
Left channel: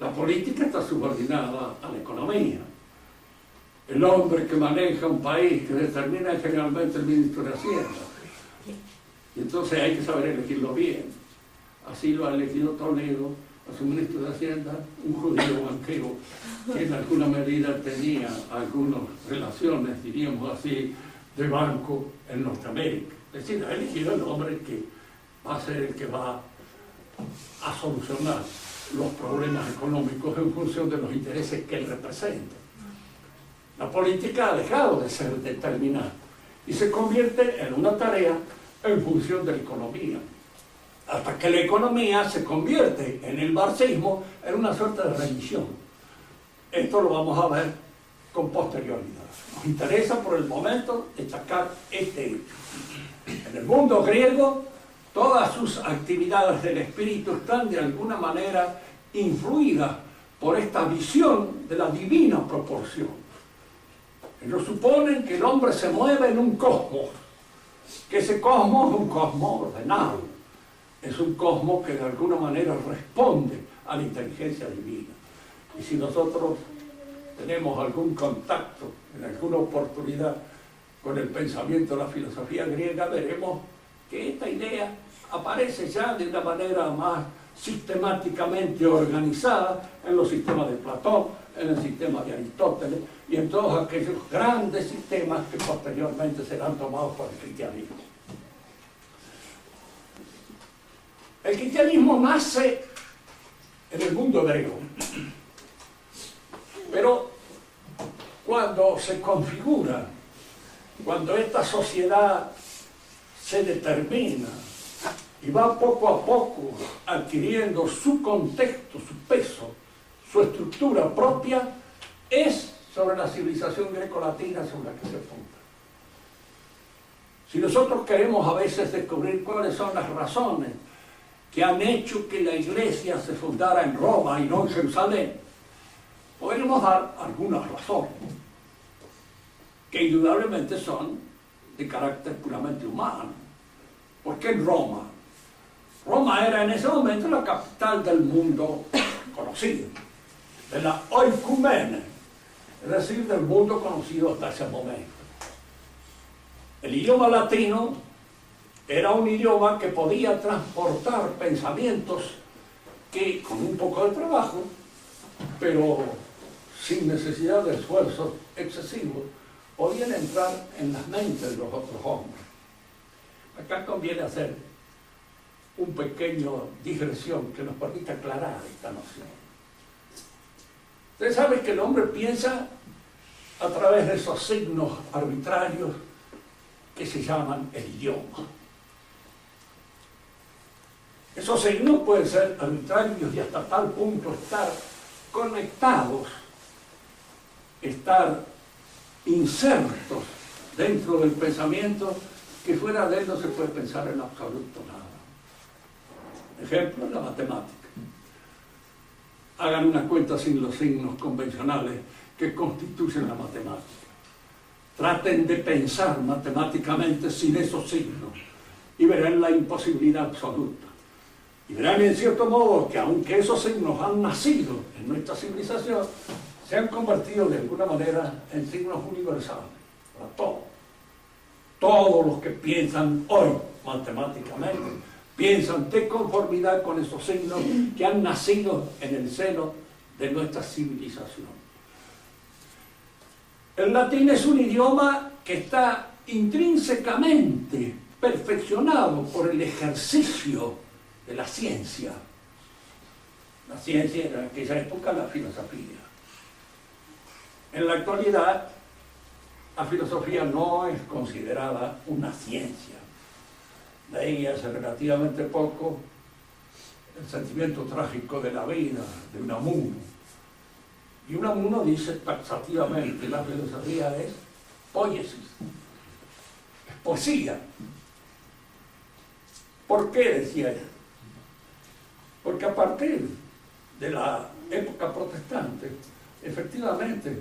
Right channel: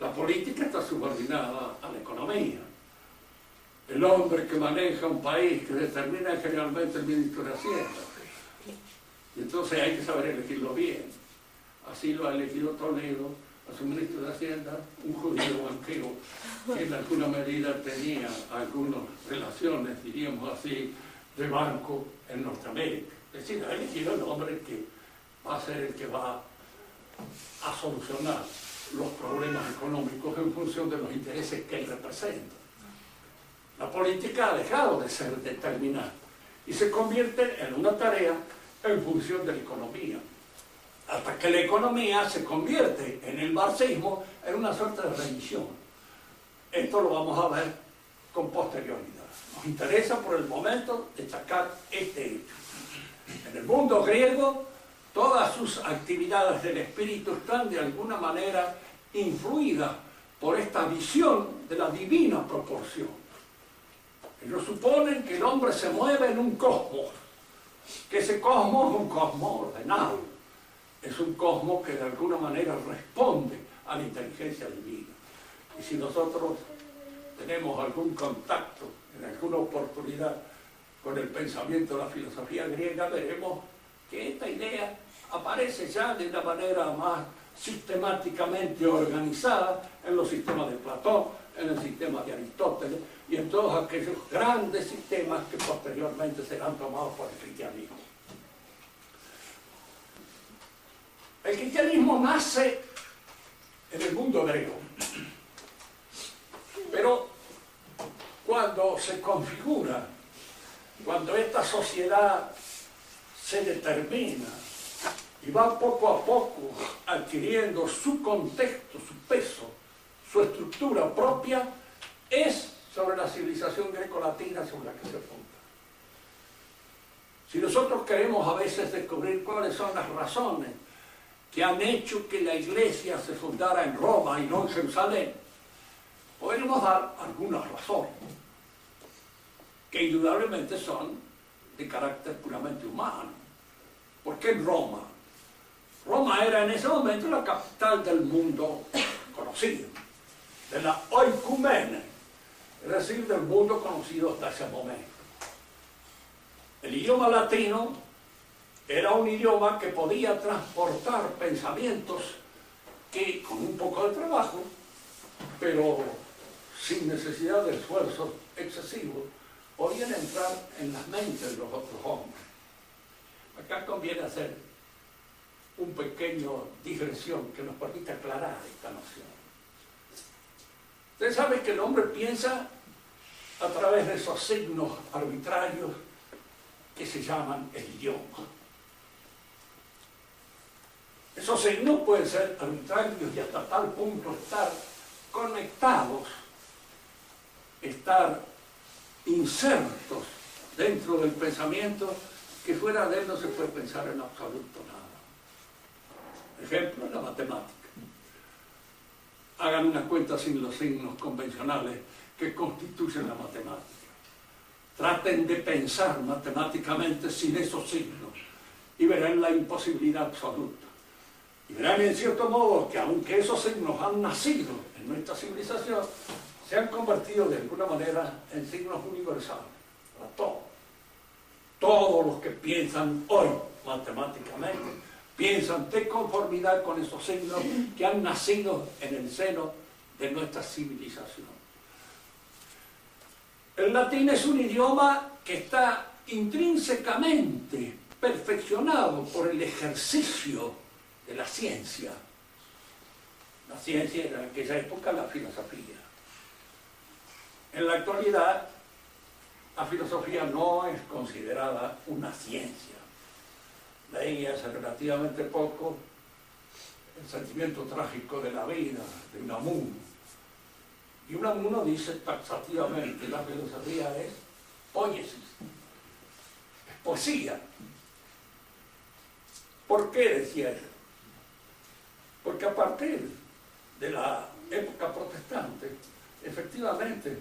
La política está subordinada a la economía. El hombre que maneja un país, que determina es generalmente el ministro de Hacienda. Y entonces hay que saber elegirlo bien. Así lo ha elegido Toledo a su ministro de Hacienda, un judío banquero que en alguna medida tenía algunas relaciones, diríamos así, de banco en Norteamérica. Es decir, ha elegido el hombre que va a ser el que va a solucionar los problemas económicos en función de los intereses que él representa. La política ha dejado de ser determinada y se convierte en una tarea en función de la economía, hasta que la economía se convierte en el marxismo en una suerte de religión. Esto lo vamos a ver con posterioridad. Nos interesa por el momento destacar este hecho. En el mundo griego, todas sus actividades del espíritu están de alguna manera influidas por esta visión de la divina proporción. Ellos suponen que el hombre se mueve en un cosmos, que ese cosmos es un cosmos ordenado, es un cosmos que de alguna manera responde a la inteligencia divina. Y si nosotros tenemos algún contacto en alguna oportunidad con el pensamiento de la filosofía griega, veremos que esta idea aparece ya de una manera más sistemáticamente organizada en los sistemas de Platón, en el sistema de Aristóteles y en todos aquellos grandes sistemas que posteriormente serán tomados por el cristianismo. El cristianismo nace en el mundo hebreo, pero cuando se configura, cuando esta sociedad se determina y va poco a poco adquiriendo su contexto, su peso, su estructura propia, es sobre la civilización grecolatina sobre la que se apunta. Si nosotros queremos a veces descubrir cuáles son las razones que han hecho que la Iglesia se fundara en Roma y no en Jerusalén, podríamos dar algunas razones, que indudablemente son de carácter puramente humano. ¿Por qué en Roma? Roma era en ese momento la capital del mundo conocido, de la oikumene, es decir, del mundo conocido hasta ese momento. El idioma latino era un idioma que podía transportar pensamientos que, con un poco de trabajo, pero sin necesidad de esfuerzos excesivos, podían entrar en las mentes de los otros hombres. Acá conviene hacer un pequeño digresión que nos permita aclarar esta noción. Ustedes saben que el hombre piensa a través de esos signos arbitrarios que se llaman el idioma. Esos signos pueden ser arbitrarios y hasta tal punto estar conectados, estar insertos dentro del pensamiento, que fuera de él no se puede pensar en absoluto nada. Ejemplo, la matemática. Hagan una cuenta sin los signos convencionales que constituyen la matemática. Traten de pensar matemáticamente sin esos signos y verán la imposibilidad absoluta. Y verán en cierto modo que aunque esos signos han nacido en nuestra civilización, se han convertido de alguna manera en signos universales para todos. Todos los que piensan hoy matemáticamente piensan de conformidad con esos signos que han nacido en el seno de nuestra civilización. El latín es un idioma que está intrínsecamente perfeccionado por el ejercicio de la ciencia. La ciencia era en aquella época la filosofía. En la actualidad, la filosofía no es considerada una ciencia. leí hace relativamente poco El sentimiento trágico de la vida, de Unamuno. Y Unamuno dice taxativamente, la filosofía es poiesis, es poesía. ¿Por qué decía él? Porque a partir de la época protestante, efectivamente,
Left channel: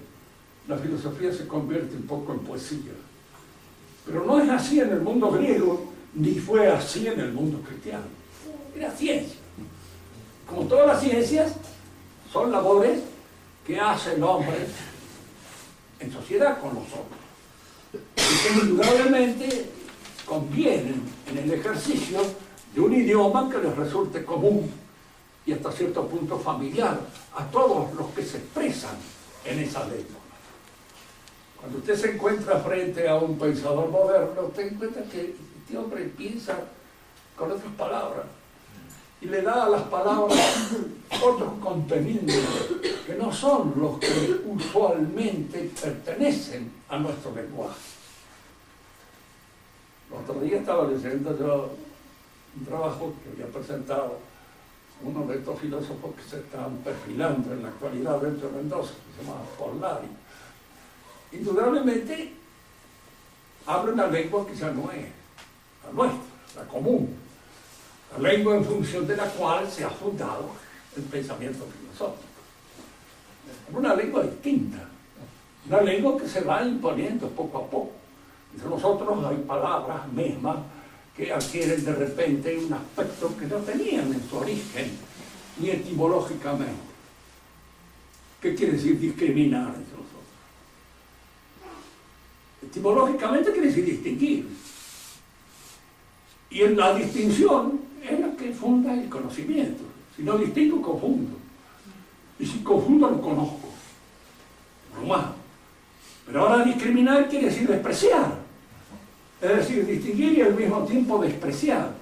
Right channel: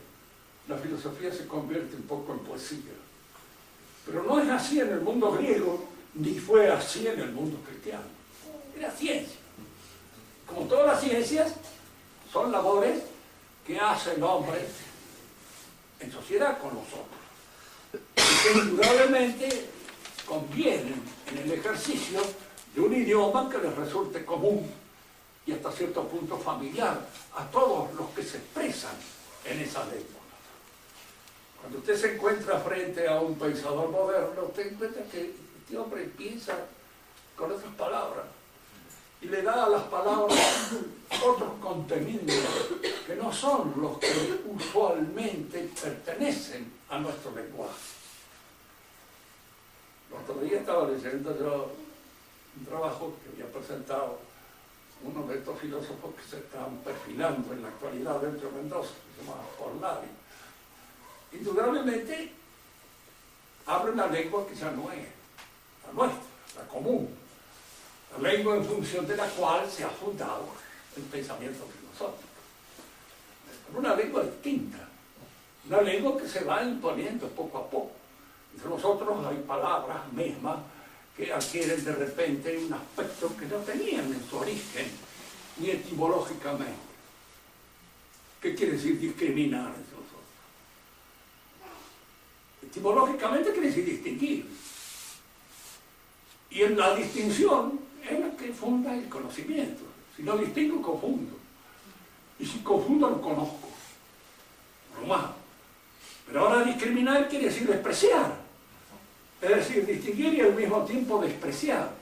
la filosofía se convierte un poco en poesía. Pero no es así en el mundo griego, ni fue así en el mundo cristiano. Era ciencia. Como todas las ciencias, son labores que hace el hombre en sociedad con los otros. Y que indudablemente convienen en el ejercicio de un idioma que les resulte común y hasta cierto punto familiar a todos los que se expresan en esa lengua. Cuando usted se encuentra frente a un pensador moderno, usted encuentra que este hombre piensa con otras palabras y le da a las palabras otros contenidos que no son los que usualmente pertenecen a nuestro lenguaje. El otro día estaba leyendo yo un trabajo que había presentado uno de estos filósofos que se están perfilando en la actualidad dentro de Mendoza, que se llama Polari. Indudablemente habla una lengua que ya no es la nuestra, la común, la lengua en función de la cual se ha fundado el pensamiento filosófico. Es una lengua distinta, una lengua que se va imponiendo poco a poco. Entre nosotros hay palabras mismas que adquieren de repente un aspecto que no tenían en su origen, ni etimológicamente. ¿Qué quiere decir discriminar entre nosotros? Etimológicamente quiere decir distinguir. Y en la distinción es la que funda el conocimiento. Si no distingo, confundo. Y si confundo, no conozco. Normal. Pero ahora discriminar quiere decir despreciar. Es decir, distinguir y al mismo tiempo despreciar.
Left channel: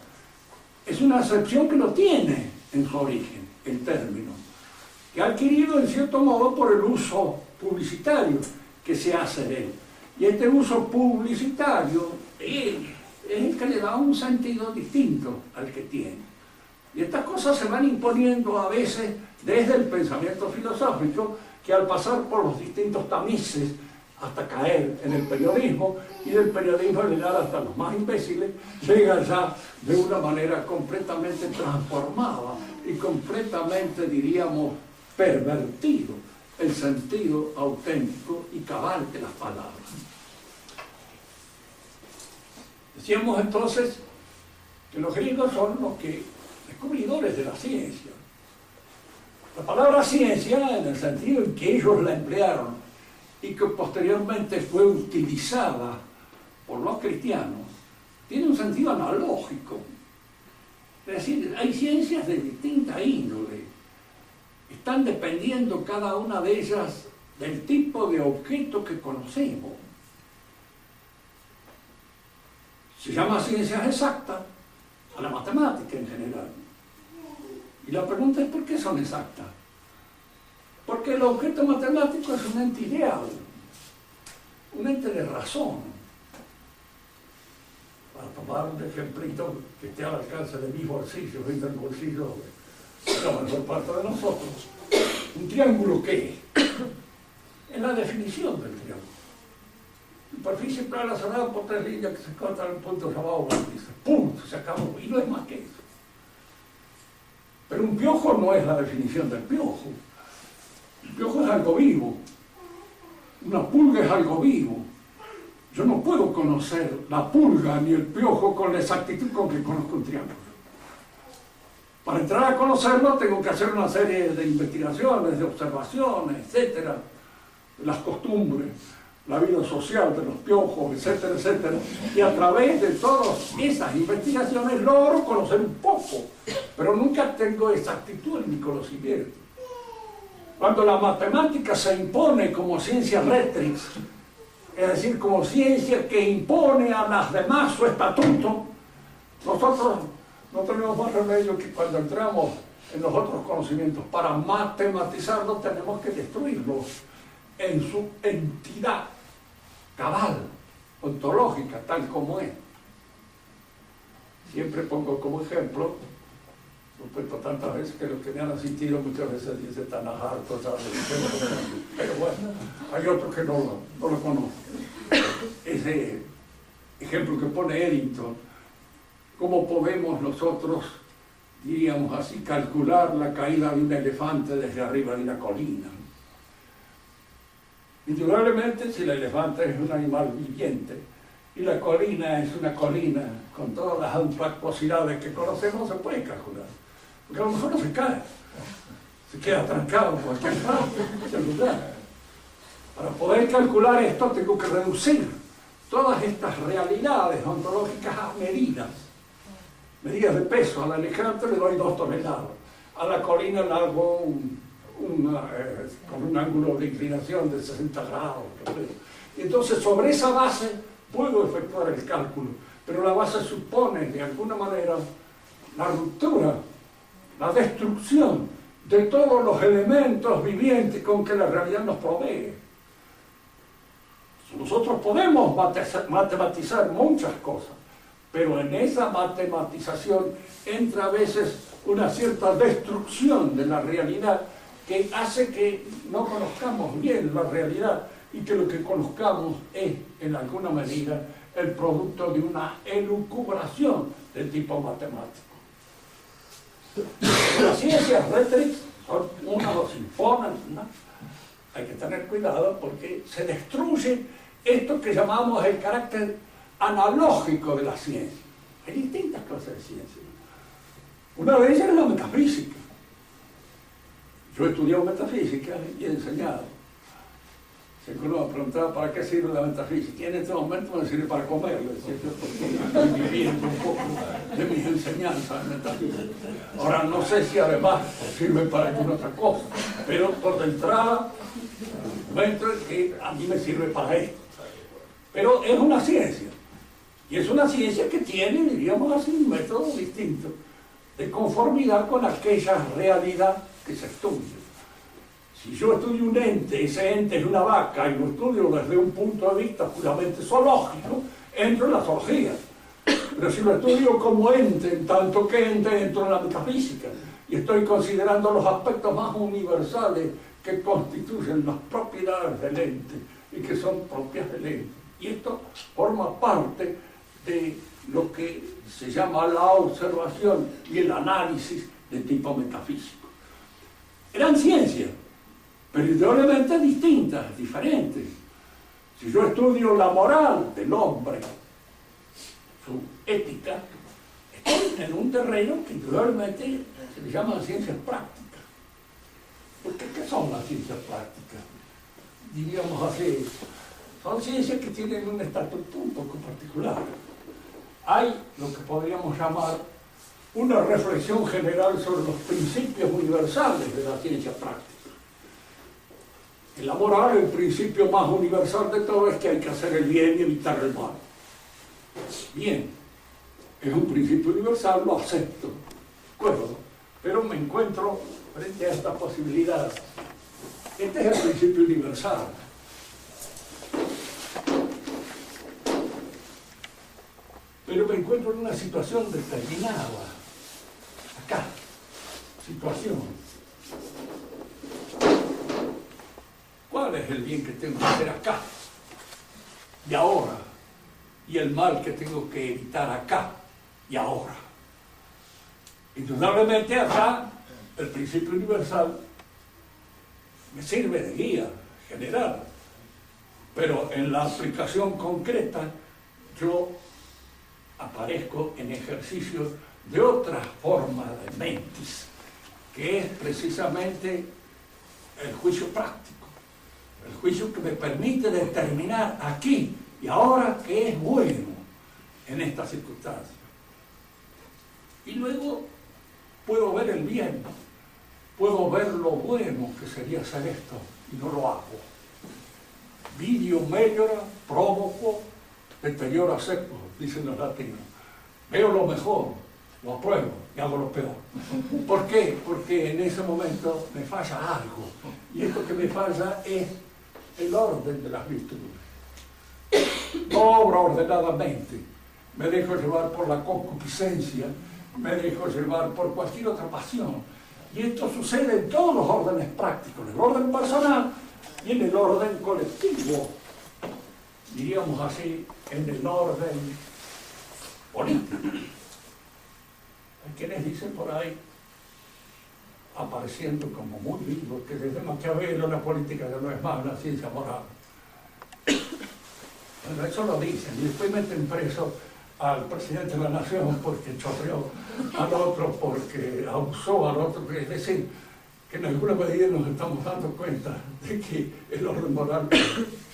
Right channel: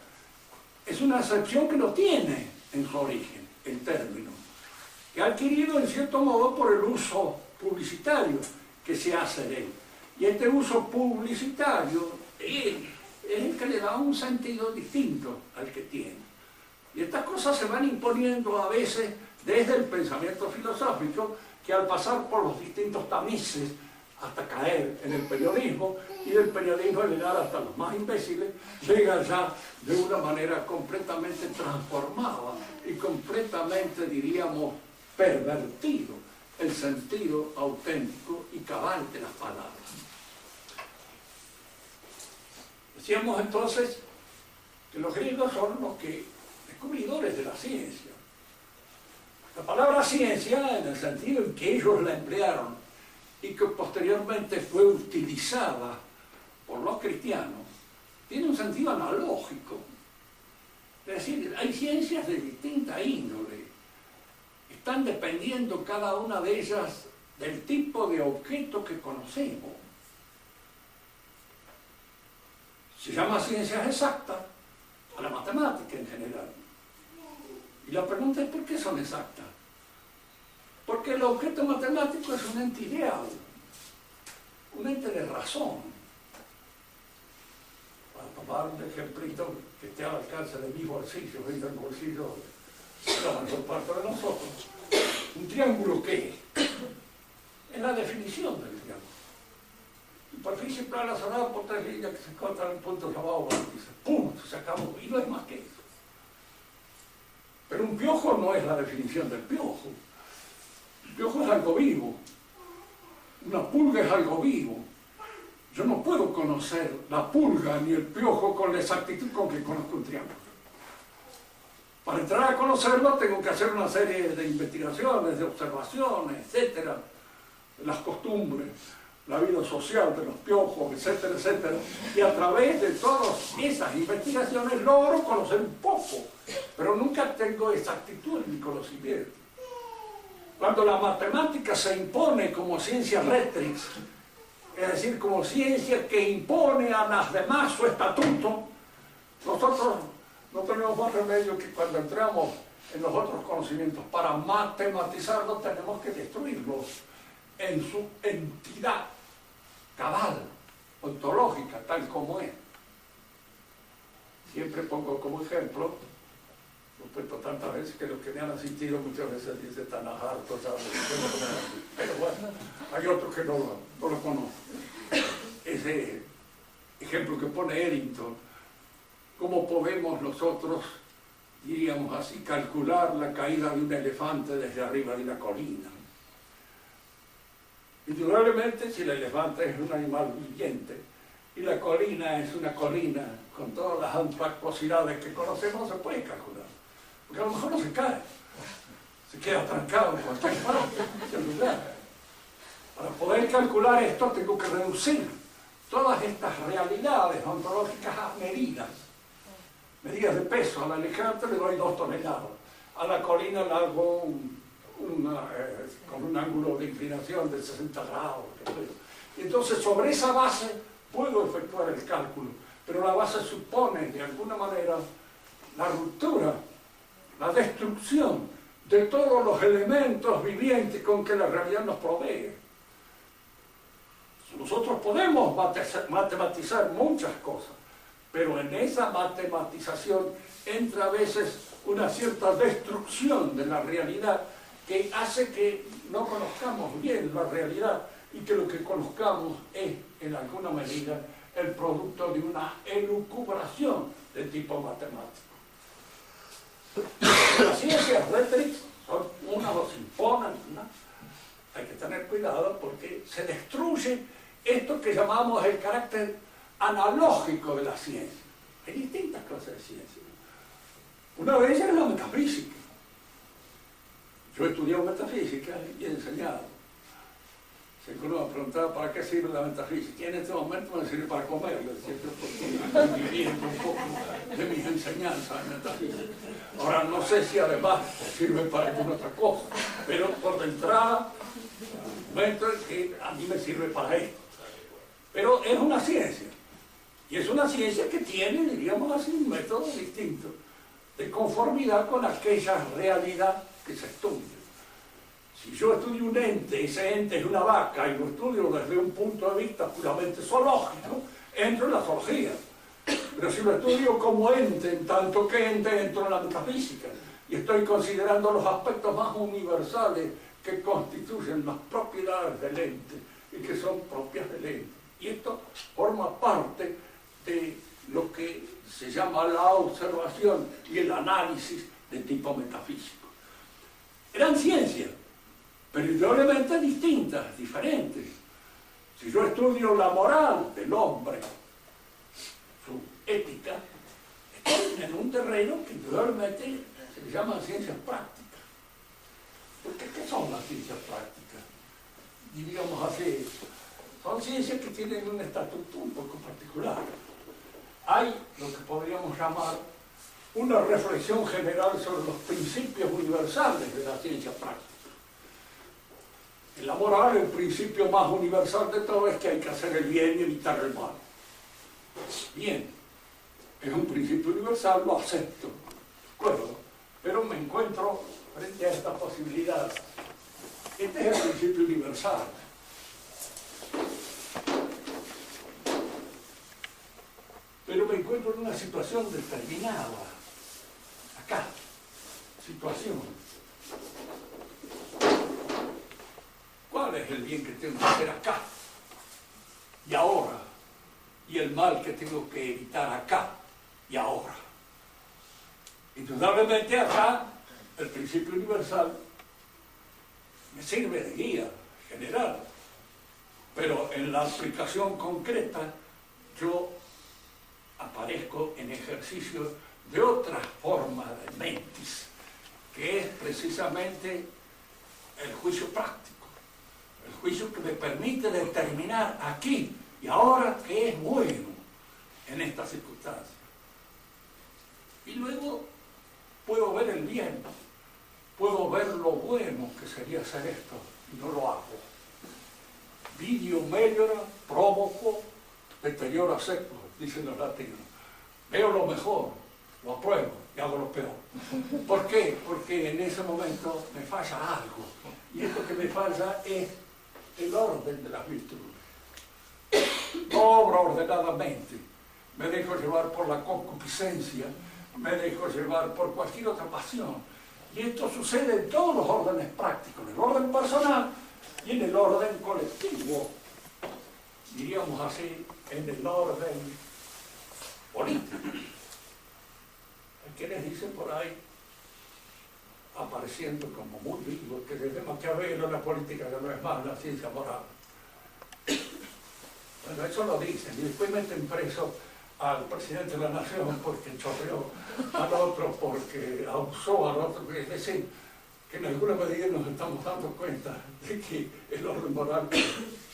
Es una acepción que no tiene en su origen el término, que ha adquirido en cierto modo por el uso publicitario que se hace de él. Y este uso publicitario es el que le da un sentido distinto al que tiene. Y estas cosas se van imponiendo a veces desde el pensamiento filosófico, que al pasar por los distintos tamices hasta caer en el periodismo, y del periodismo llegar hasta los más imbéciles, llega ya de una manera completamente transformada y completamente, diríamos, pervertido el sentido auténtico y cabal de las palabras. Decíamos entonces que los griegos son los descubridores de la ciencia. La palabra ciencia, en el sentido en que ellos la emplearon y que posteriormente fue utilizada por los cristianos, tiene un sentido analógico. Es decir, hay ciencias de distinta índole. Están dependiendo cada una de ellas del tipo de objeto que conocemos. Se llama ciencias exactas a la matemática en general. Y la pregunta es ¿por qué son exactas? Porque el objeto matemático es un ente ideal, un ente de razón. Para tomar un ejemplito que esté al alcance de mis bolsillos y del bolsillo de la mayor parte de nosotros, ¿un triángulo qué es? Es la definición del triángulo. Superficie plana cerrada por tres líneas que se cortan en un punto llamado vértice. Punto, se acabó. Y no es más que eso. Pero un piojo no es la definición del piojo. El piojo es algo vivo. Una pulga es algo vivo. Yo no puedo conocer la pulga ni el piojo con la exactitud con que conozco un triángulo. Para entrar a conocerlo tengo que hacer una serie de investigaciones, de observaciones, etcétera, las costumbres, la vida social de los piojos, etcétera, etcétera. Y a través de todas esas investigaciones logro conocer un poco, pero nunca tengo exactitud en mi conocimiento. Cuando la matemática se impone como ciencia rectrix, es decir, como ciencia que impone a las demás su estatuto, nosotros no tenemos más remedio que cuando entramos en los otros conocimientos, para matematizarlos tenemos que destruirlos en su entidad cabal, ontológica, tal como es. Siempre pongo como ejemplo, lo he puesto tantas veces que los que me han asistido muchas veces dicen tan hartos, ¿sabes? Pero bueno, hay otros que no lo conocen. Ese ejemplo que pone Eddington, ¿cómo podemos nosotros, diríamos así, calcular la caída de un elefante desde arriba de una colina? Indudablemente, si el elefante es un animal viviente y la colina es una colina con todas las antroposidades que conocemos, se puede calcular. Porque a lo mejor no se cae, se queda trancado en cualquier parte, en cualquier lugar. Para poder calcular esto tengo que reducir todas estas realidades ontológicas a medidas de peso. Al elefante le doy 2 toneladas, a la colina le hago con un ángulo de inclinación de 60 grados. Y entonces sobre esa base puedo efectuar el cálculo, pero la base supone de alguna manera la ruptura, la destrucción de todos los elementos vivientes con que la realidad nos provee. Nosotros podemos matematizar muchas cosas, pero en esa matematización entra a veces una cierta destrucción de la realidad que hace que no conozcamos bien la realidad y que lo que conozcamos es, en alguna medida, el producto de una elucubración de tipo matemático. Las ciencias rétrix son unas o se imponen, ¿no? Hay que tener cuidado porque se destruye esto que llamamos el carácter analógico de la ciencia. Hay distintas clases de ciencia. Una de ellas es la metafísica. Yo he estudiado metafísica y he enseñado. Si uno me preguntaba para qué sirve la metafísica, y en este momento me sirve para comer, le decía yo, porque estoy viviendo un poco de mis enseñanzas en metafísica. Ahora no sé si además sirve para alguna otra cosa, pero por de entrada, momento que a mí me sirve para esto. Pero es una ciencia, y es una ciencia que tiene, diríamos así, un método distinto de conformidad con aquella realidad que se estudia. Si yo estudio un ente, ese ente es una vaca, y lo estudio desde un punto de vista puramente zoológico, entro en la zoología. Pero si lo estudio como ente, en tanto que ente, entro en la metafísica, y estoy considerando los aspectos más universales que constituyen las propiedades del ente, y que son propias del ente. Y esto forma parte de lo que se llama la observación y el análisis de tipo metafísico. Eran ciencias, pero indudablemente distintas, diferentes. Si yo estudio la moral del hombre, su ética, estoy en un terreno que indudablemente se le llama ciencias prácticas. Porque ¿qué son las ciencias prácticas? Diríamos así, son ciencias que tienen un estatuto un poco particular. Hay lo que podríamos llamar una reflexión general sobre los principios universales de la ciencia práctica. En la moral, el principio más universal de todo es que hay que hacer el bien y evitar el mal. Bien, es un principio universal, lo acepto, de acuerdo, pero me encuentro frente a esta posibilidad. Este es el principio universal. Pero me encuentro en una situación determinada. Acá, situación. ¿Cuál es el bien que tengo que hacer acá y ahora? Y el mal que tengo que evitar acá y ahora. Indudablemente acá, el principio universal me sirve de guía general, pero en la aplicación concreta yo aparezco en ejercicio de otra forma de mentis, que es precisamente el juicio práctico, el juicio que me permite determinar aquí y ahora qué es bueno en estas circunstancias. Y luego puedo ver el bien, puedo ver lo bueno que sería hacer esto y no lo hago. Vidio meliora, provoco, deteriora seco, dicen los latinos. Veo lo mejor, lo apruebo y hago lo peor. ¿Por qué? Porque en ese momento me falla algo. Y esto que me falla es el orden de las virtudes. No obra ordenadamente. me dejo llevar por la concupiscencia, me dejo llevar por cualquier otra pasión. Y esto sucede en todos los órdenes prácticos, en el orden personal y en el orden colectivo, diríamos así, en el orden político. Hay quienes dicen por ahí, apareciendo como muy vivos, que desde Maquiavelo la política ya no es más una ciencia moral. Bueno, eso lo dicen, y después meten preso al presidente de la nación porque chorreó al otro, porque abusó al otro. Es decir, que en alguna medida nos estamos dando cuenta de que el orden moral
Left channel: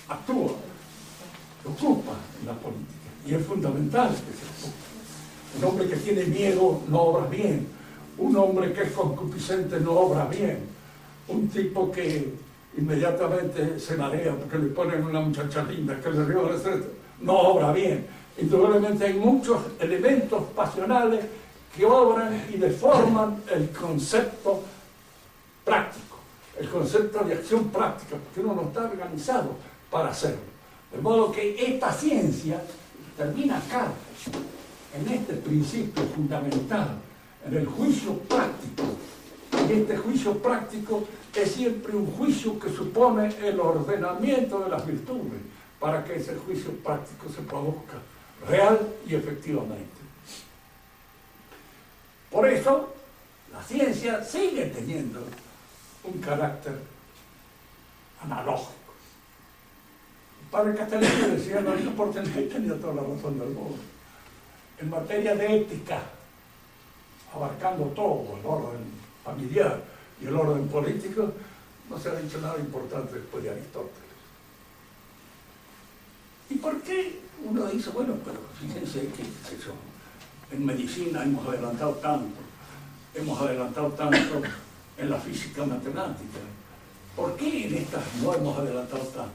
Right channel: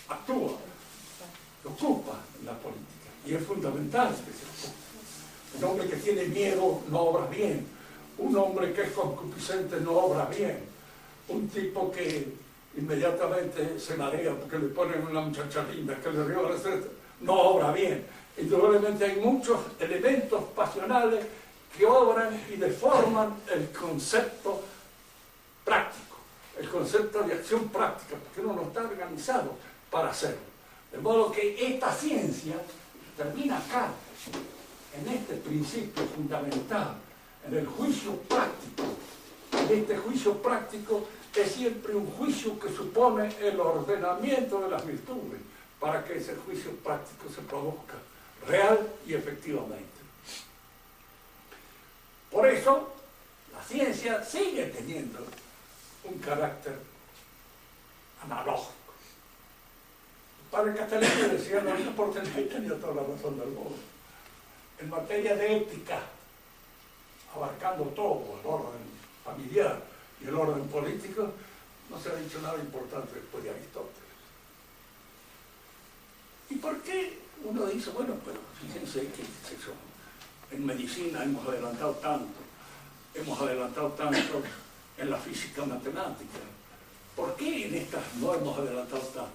actúa, ocupa en la política, y es fundamental que se ocupe. Un hombre que tiene miedo no obra bien, un hombre que es concupiscente no obra bien, un tipo que inmediatamente se marea porque le ponen una muchacha linda que le ríe la estrella, no obra bien. Indudablemente hay muchos elementos pasionales que obran y deforman el concepto práctico, el concepto de acción práctica, porque uno no está organizado para hacerlo. De modo que esta ciencia termina acá, en este principio fundamental, en el juicio práctico. Y este juicio práctico es siempre un juicio que supone el ordenamiento de las virtudes para que ese juicio práctico se produzca real y efectivamente. Por eso, la ciencia sigue teniendo un carácter analógico. El padre Castellano decía, no importa, tenía toda la razón del mundo. En materia de ética, abarcando todo, el orden familiar y el orden político, no se ha dicho nada importante después de Aristóteles. ¿Y por qué uno dice, bueno, pero fíjense que eso, en medicina hemos adelantado tanto en la física matemática? ¿Por qué en estas no hemos adelantado tanto?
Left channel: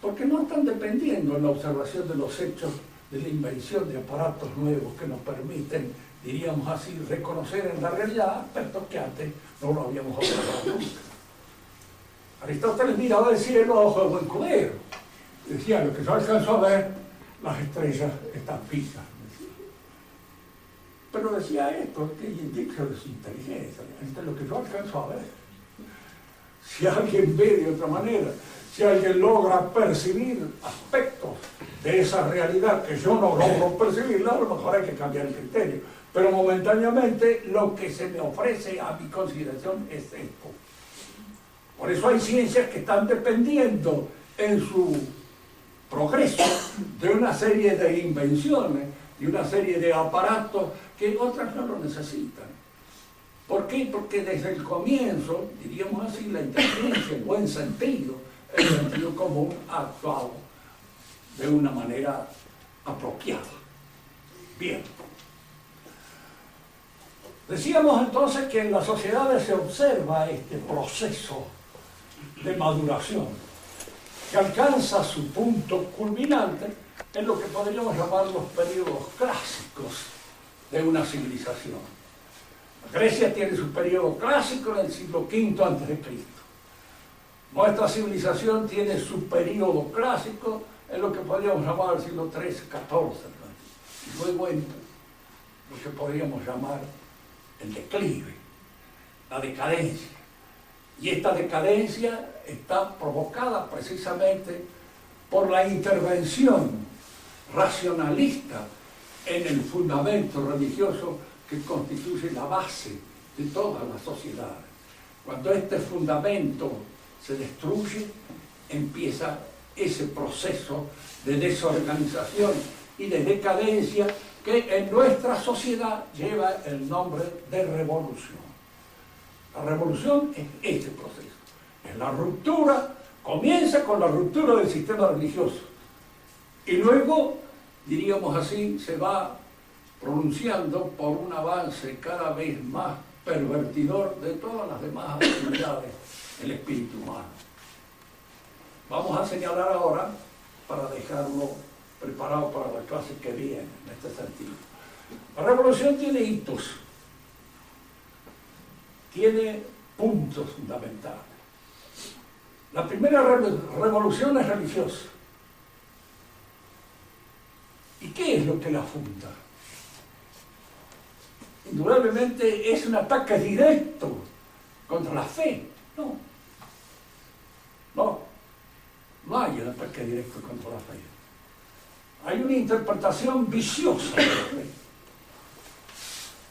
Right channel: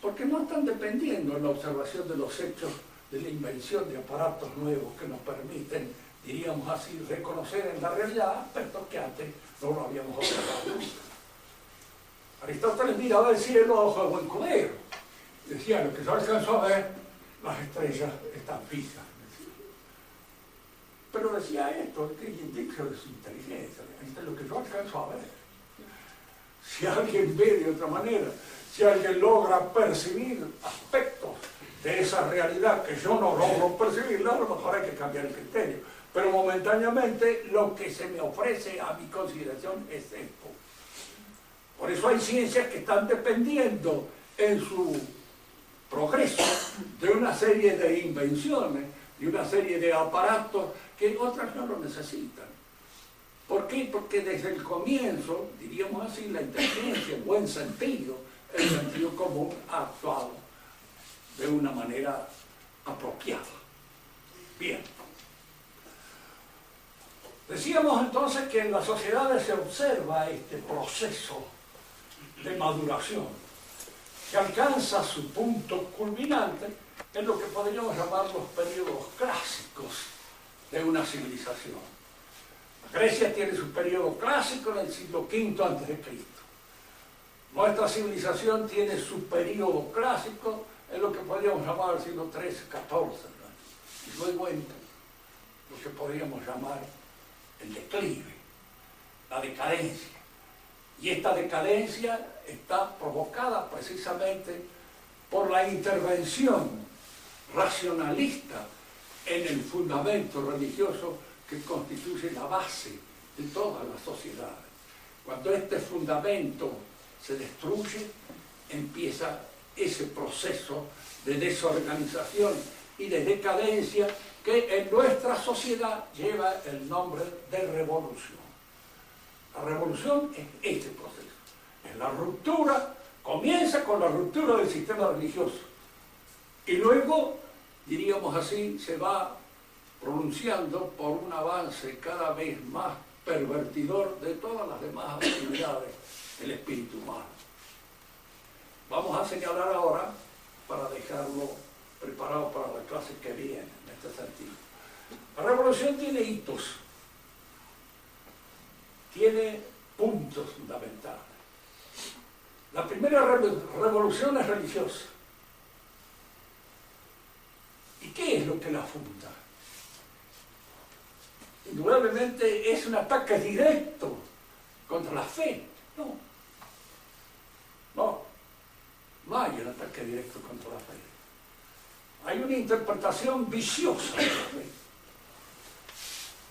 Porque no están dependiendo en la observación de los hechos de la invención de aparatos nuevos que nos permiten, diríamos así, reconocer en la realidad aspectos que antes no lo habíamos observado nunca. Aristóteles miraba el cielo a ojo de buen cubero. Decía, lo que yo alcanzo a ver, las estrellas están fijas. Pero decía esto, que indica de su inteligencia, es lo que yo alcanzo a ver. Si alguien ve de otra manera, si alguien logra percibir aspectos de esa realidad que yo no logro percibirla, a lo mejor hay que cambiar el criterio. Pero momentáneamente lo que se me ofrece a mi consideración es esto. Por eso hay ciencias que están dependiendo en su progreso de una serie de invenciones, de una serie de aparatos que otras no lo necesitan. ¿Por qué? Porque desde el comienzo, diríamos así, la inteligencia, en buen sentido, el sentido común ha actuado de una manera apropiada. Bien. Decíamos entonces que en las sociedades se observa este proceso de maduración que alcanza su punto culminante en lo que podríamos llamar los periodos clásicos de una civilización. Grecia tiene su periodo clásico en el siglo V a.C. Nuestra civilización tiene su periodo clásico en lo que podríamos llamar el siglo XIII, XIV, ¿no? Y luego en lo que podríamos llamar el declive, la decadencia. Y esta decadencia está provocada precisamente por la intervención racionalista en el fundamento religioso que constituye la base de todas las sociedades. Cuando este fundamento se destruye, empieza ese proceso de desorganización y de decadencia que en nuestra sociedad lleva el nombre de revolución. La revolución es este proceso. Es la ruptura, comienza con la ruptura del sistema religioso y luego, diríamos así, se va pronunciando por un avance cada vez más pervertidor de todas las demás actividades del espíritu humano. Vamos a señalar ahora, para dejarlo preparado para la clase que viene, en este sentido. La revolución tiene hitos, tiene puntos fundamentales. La primera revolución es religiosa. ¿Y qué que la funda. Indudablemente es un ataque directo contra la fe. No hay un ataque directo contra la fe. Hay una interpretación viciosa de la fe,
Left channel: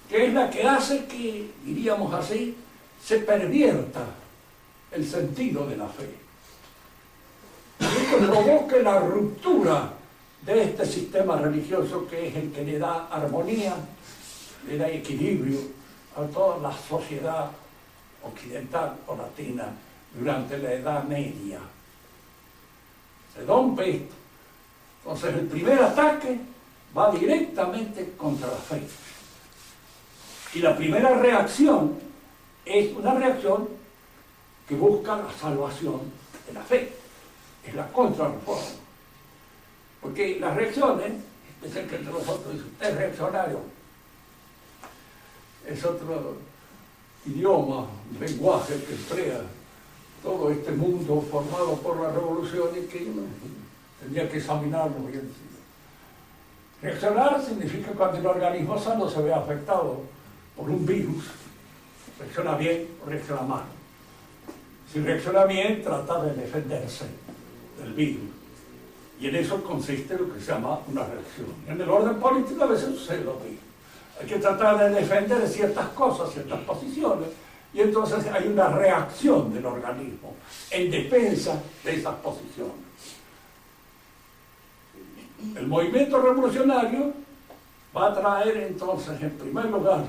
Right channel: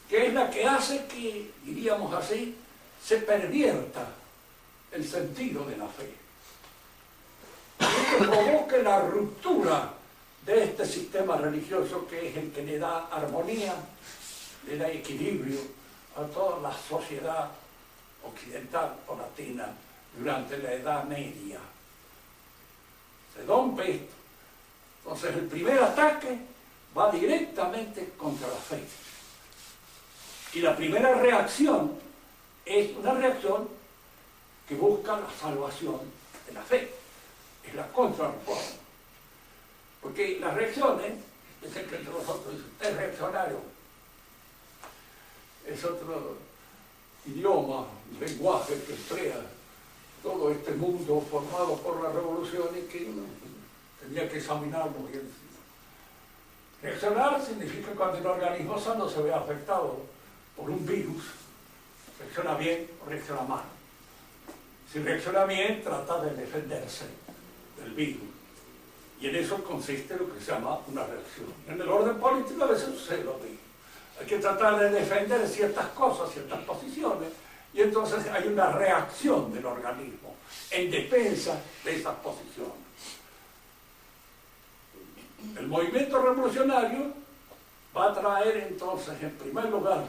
que es la que hace que, diríamos así, se pervierta el sentido de la fe. Y esto provoca la ruptura de este sistema religioso que es el que le da armonía, le da equilibrio a toda la sociedad occidental o latina durante la Edad Media. Se rompe esto. Entonces el primer ataque va directamente contra la fe. Y la primera reacción es una reacción que busca la salvación de la fe. Es la contrarreforma. Porque las reacciones, dicen que entre nosotros dicen, es reaccionario. Es otro idioma, lenguaje que crea todo este mundo formado por la revolución y que uno tendría que examinarlo bien. Reaccionar significa cuando el organismo sano se ve afectado por un virus, reacciona bien o reacciona mal. Si reacciona bien, trata de defenderse del virus. Y en eso consiste lo que se llama una reacción. En el orden político a veces sucede lo mismo. Hay que tratar de defender ciertas cosas, ciertas posiciones, y entonces hay una reacción del organismo en defensa de esas posiciones. El movimiento revolucionario va a traer entonces, en primer lugar,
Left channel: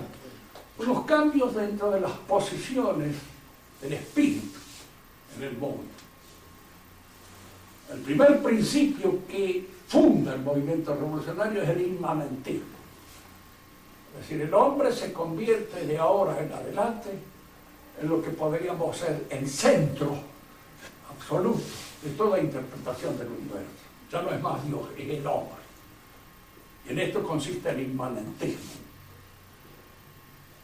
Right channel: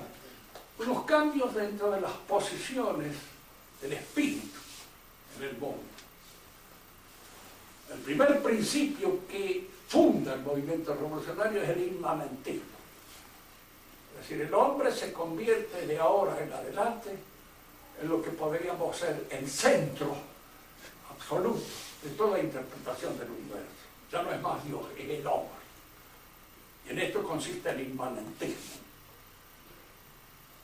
unos cambios dentro de las posiciones del espíritu en el mundo. El primer principio que funda el movimiento revolucionario es el inmanentismo. Es decir, el hombre se convierte de ahora en adelante en lo que podríamos ser el centro absoluto de toda interpretación del universo. Ya no es más Dios, es el hombre. Y en esto consiste el inmanentismo.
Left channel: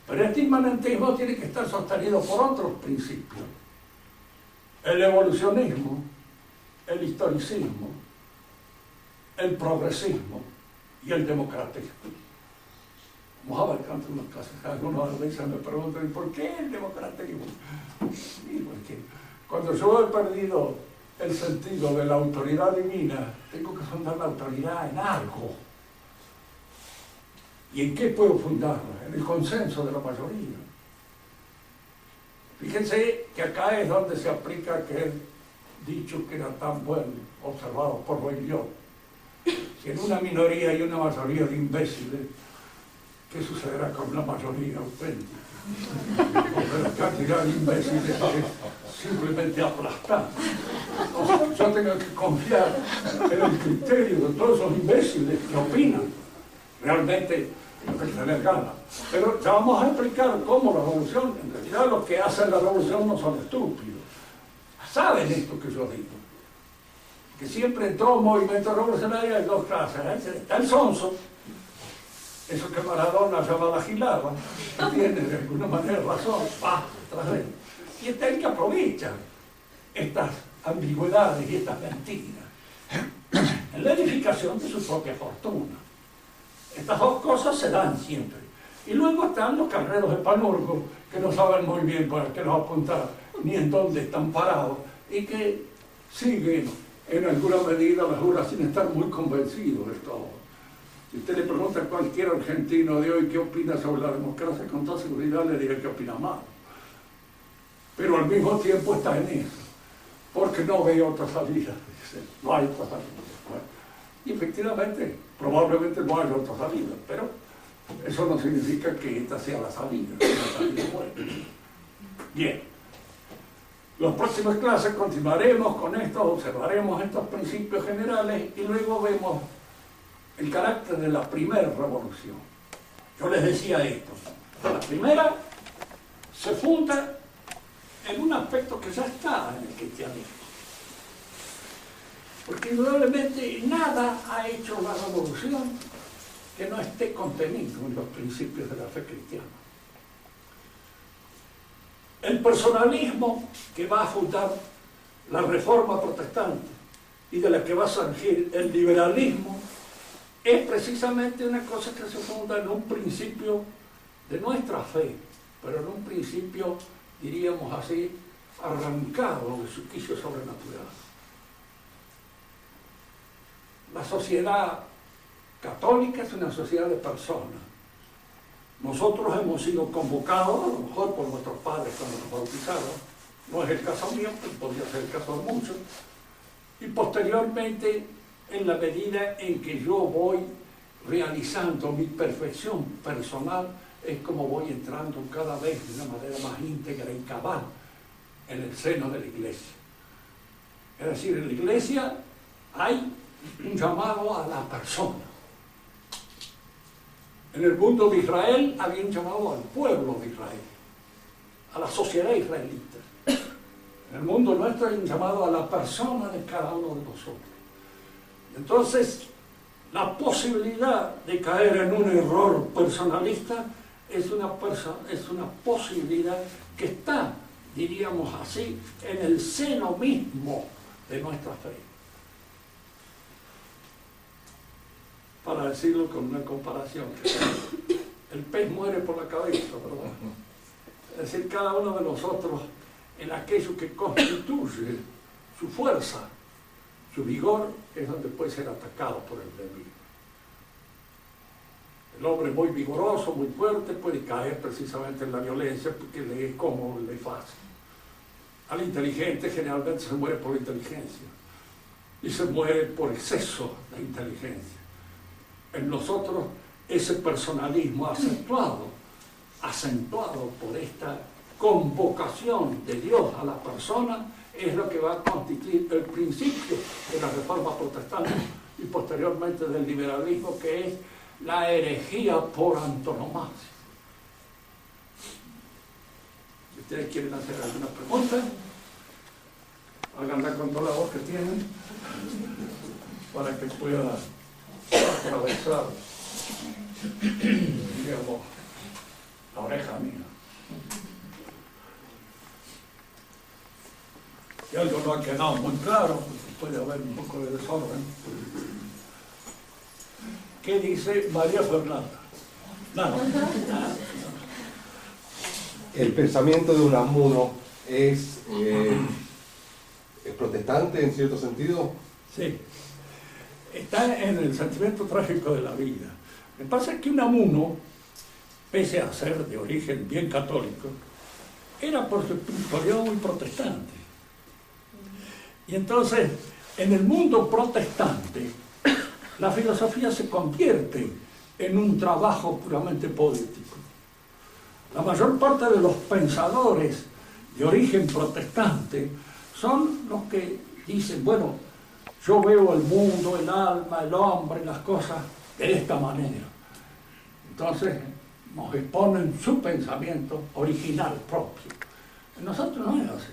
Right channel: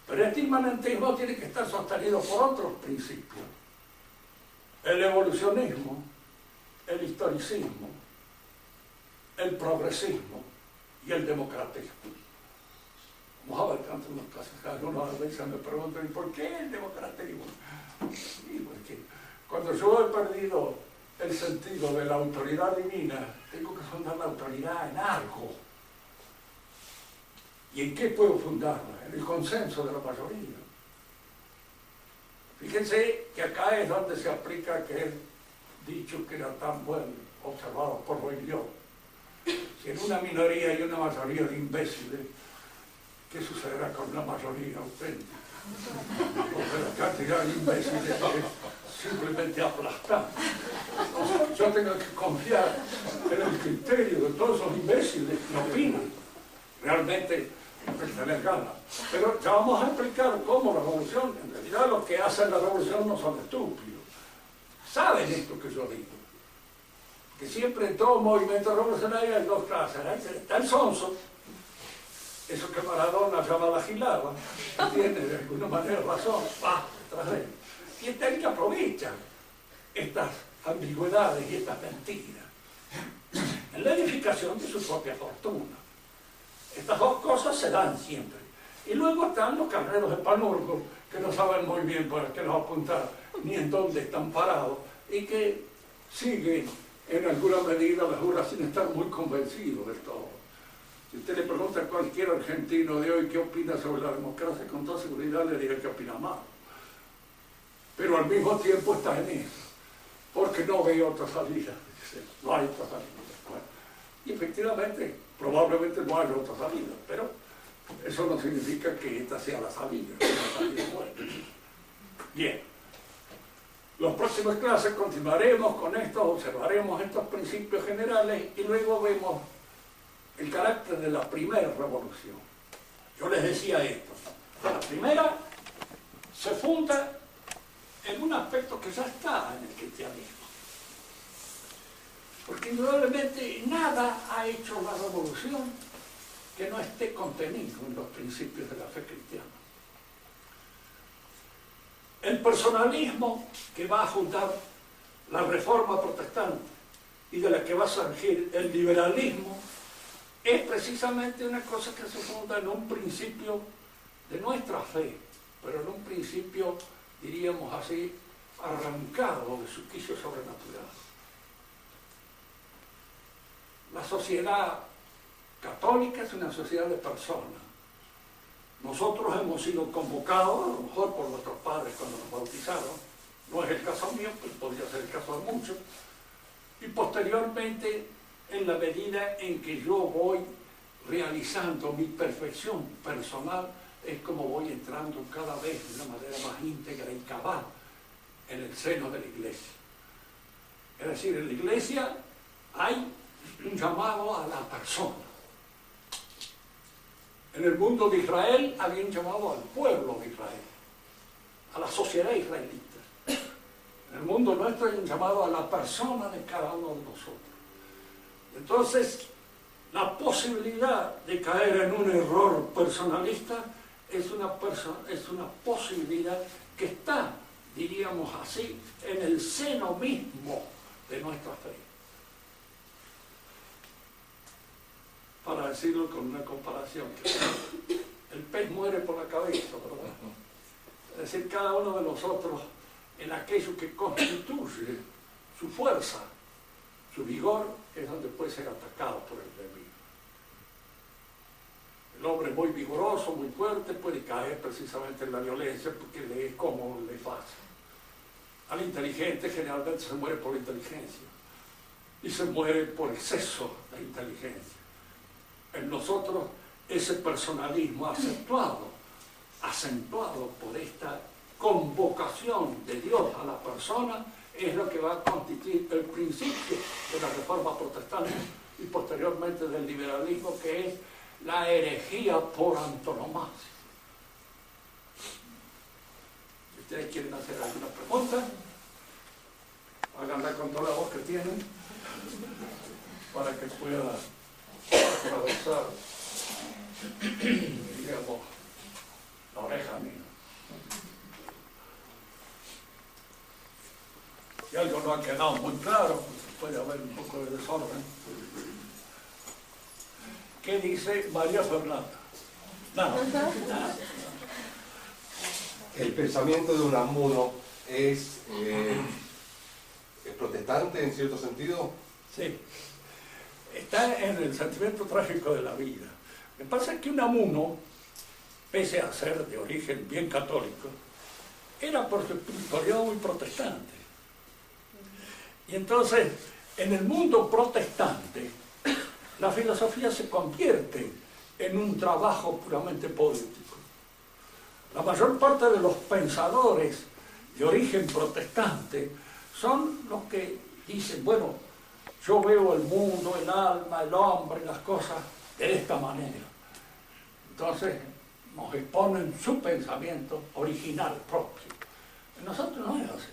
Pero este inmanentismo tiene que estar sostenido por otros principios. El evolucionismo, el historicismo, el progresismo y el democratismo. Vamos a ver tanto unas cosas. Algunos veces me preguntan, ¿por qué el democratismo? Sí, porque cuando yo he perdido el sentido de la autoridad divina, tengo que fundar la autoridad en algo. ¿Y en qué puedo fundarla? En el consenso de la mayoría. Fíjense que acá es donde se aplica aquel dicho que era tan bueno, observado por Boileau. Si en una minoría hay una mayoría de imbéciles, ¿qué sucederá con una mayoría auténtica? Porque la cantidad de imbéciles es simplemente aplastante. Entonces, yo tengo que confiar en el criterio de todos esos imbéciles que opinan. Realmente lo que se les gana. Pero ya vamos a explicar cómo la revolución, en realidad los que hacen la revolución no son estúpidos. Saben esto que yo digo. Que siempre en todo movimiento revolucionario hay dos clases. Está el sonso, eso que Maradona llama la gilada, que tiene de alguna manera razón, va tras él. Y está el que aprovecha estas ambigüedades y estas mentiras en la edificación de su propia fortuna. Estas dos cosas se dan siempre. Y luego están los carreros de Panurgo, que no saben muy bien para qué nos apuntar, ni en dónde están parados, y que siguen en alguna medida la jura sin estar muy convencidos de todo. Si usted le pregunta a cualquier argentino de hoy qué opina sobre la democracia, con toda seguridad le dirá que opina mal. Pero al mismo tiempo está en eso, porque no ve otra salida. Dice, no hay otra salida. Bueno, y efectivamente, probablemente no haya otra salida, pero eso no significa que esta sea la salida, una salida buena. Bien. Las próximas clases continuaremos con esto, observaremos estos principios generales y luego vemos el carácter de la primera revolución. Yo les decía esto. La primera se funda en un aspecto que ya está en el cristianismo. Porque indudablemente nada ha hecho la revolución que no esté contenido en los principios de la fe cristiana. El personalismo que va a fundar la reforma protestante y de la que va a surgir el liberalismo es precisamente una cosa que se funda en un principio de nuestra fe, pero en un principio, diríamos así, arrancado de su quicio sobrenatural. La sociedad católica es una sociedad de personas. Nosotros hemos sido convocados, a lo mejor por nuestros padres cuando nos bautizaron, no es el caso mío, pero podría ser el caso de muchos, y posteriormente, en la medida en que yo voy realizando mi perfección personal, es como voy entrando cada vez de una manera más íntegra y cabal en el seno de la Iglesia. Es decir, en la Iglesia hay un llamado a la persona. En el mundo de Israel había un llamado al pueblo de Israel, a la sociedad israelita. En el mundo nuestro hay un llamado a la persona de cada uno de nosotros. Entonces, la posibilidad de caer en un error personalista es una posibilidad que está, diríamos así, en el seno mismo de nuestra fe. Para decirlo con una comparación, el pez muere por la cabeza, ¿verdad? Es decir, cada uno de nosotros en aquello que constituye su fuerza, su vigor, es donde puede ser atacado por el enemigo. El hombre muy vigoroso, muy fuerte, puede caer precisamente en la violencia porque le es cómodo, le es fácil. Al inteligente generalmente se muere por inteligencia y se muere por exceso de inteligencia. En nosotros ese personalismo acentuado por esta convocación de Dios a la persona es lo que va a constituir el principio de la Reforma Protestante y posteriormente del liberalismo, que es la herejía por antonomasia. Si ustedes quieren hacer alguna pregunta, háganla con toda la voz que tienen para que pueda atravesar, digamos, la oreja mía. Si algo no ha quedado muy claro, puede haber un poco de desorden. ¿Qué dice María Fernanda? Nada. El pensamiento de Unamuno es protestante en cierto sentido. Sí. Está en el sentimiento trágico de la vida. Lo que pasa es que Unamuno, pese a ser de origen bien católico, era por su espiritualidad muy protestante. Y entonces, en el mundo protestante, la filosofía se convierte en un trabajo puramente poético. La mayor parte de los pensadores de origen protestante son los que dicen, bueno, yo veo el mundo, el alma, el hombre, las cosas de esta manera. Entonces nos exponen su pensamiento original propio. En nosotros no es así.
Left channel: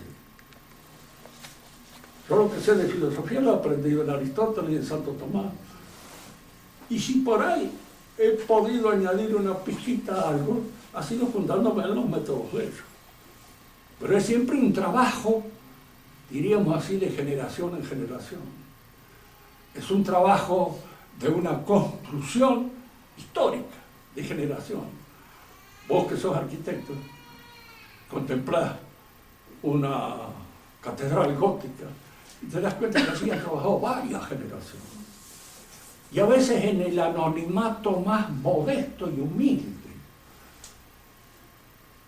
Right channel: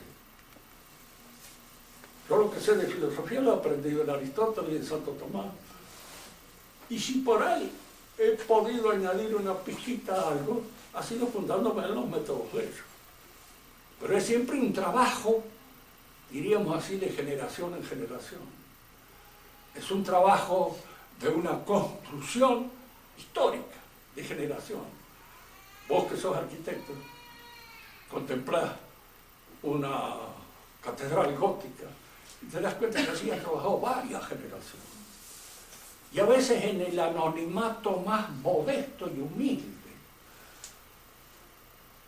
Yo lo que sé de filosofía lo he aprendido en Aristóteles y en Santo Tomás. Y si por ahí he podido añadir una pizquita a algo, ha sido fundándome en los métodos de ellos. Pero es siempre un trabajo, diríamos así, de generación en generación. Es un trabajo de una construcción histórica, de generación. Vos que sos arquitecto, contemplás una catedral gótica y te das cuenta que así han trabajado varias generaciones. Y a veces en el anonimato más modesto y humilde.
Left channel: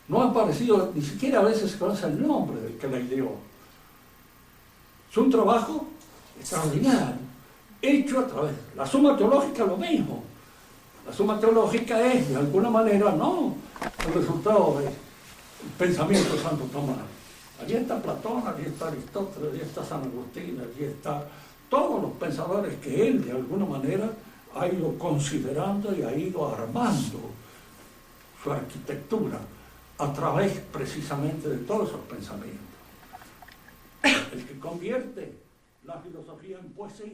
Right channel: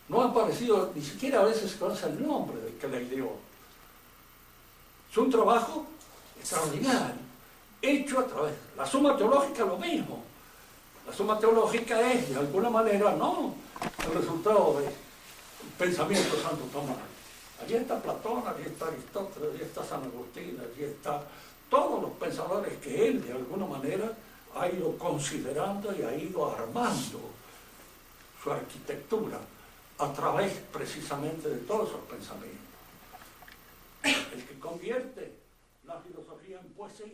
No ha aparecido, ni siquiera a veces se conoce el nombre del que la ideó. Es un trabajo extraordinario, hecho a través. La Suma Teológica lo mismo. La Suma Teológica es, de alguna manera, no el resultado del pensamiento de Santo Tomás. Allí está Platón, allí está Aristóteles, allí está San Agustín, allí está todos los pensadores que él, de alguna manera, ha ido considerando y ha ido armando su arquitectura a través precisamente de todos esos pensamientos. El que convierte la filosofía en poesía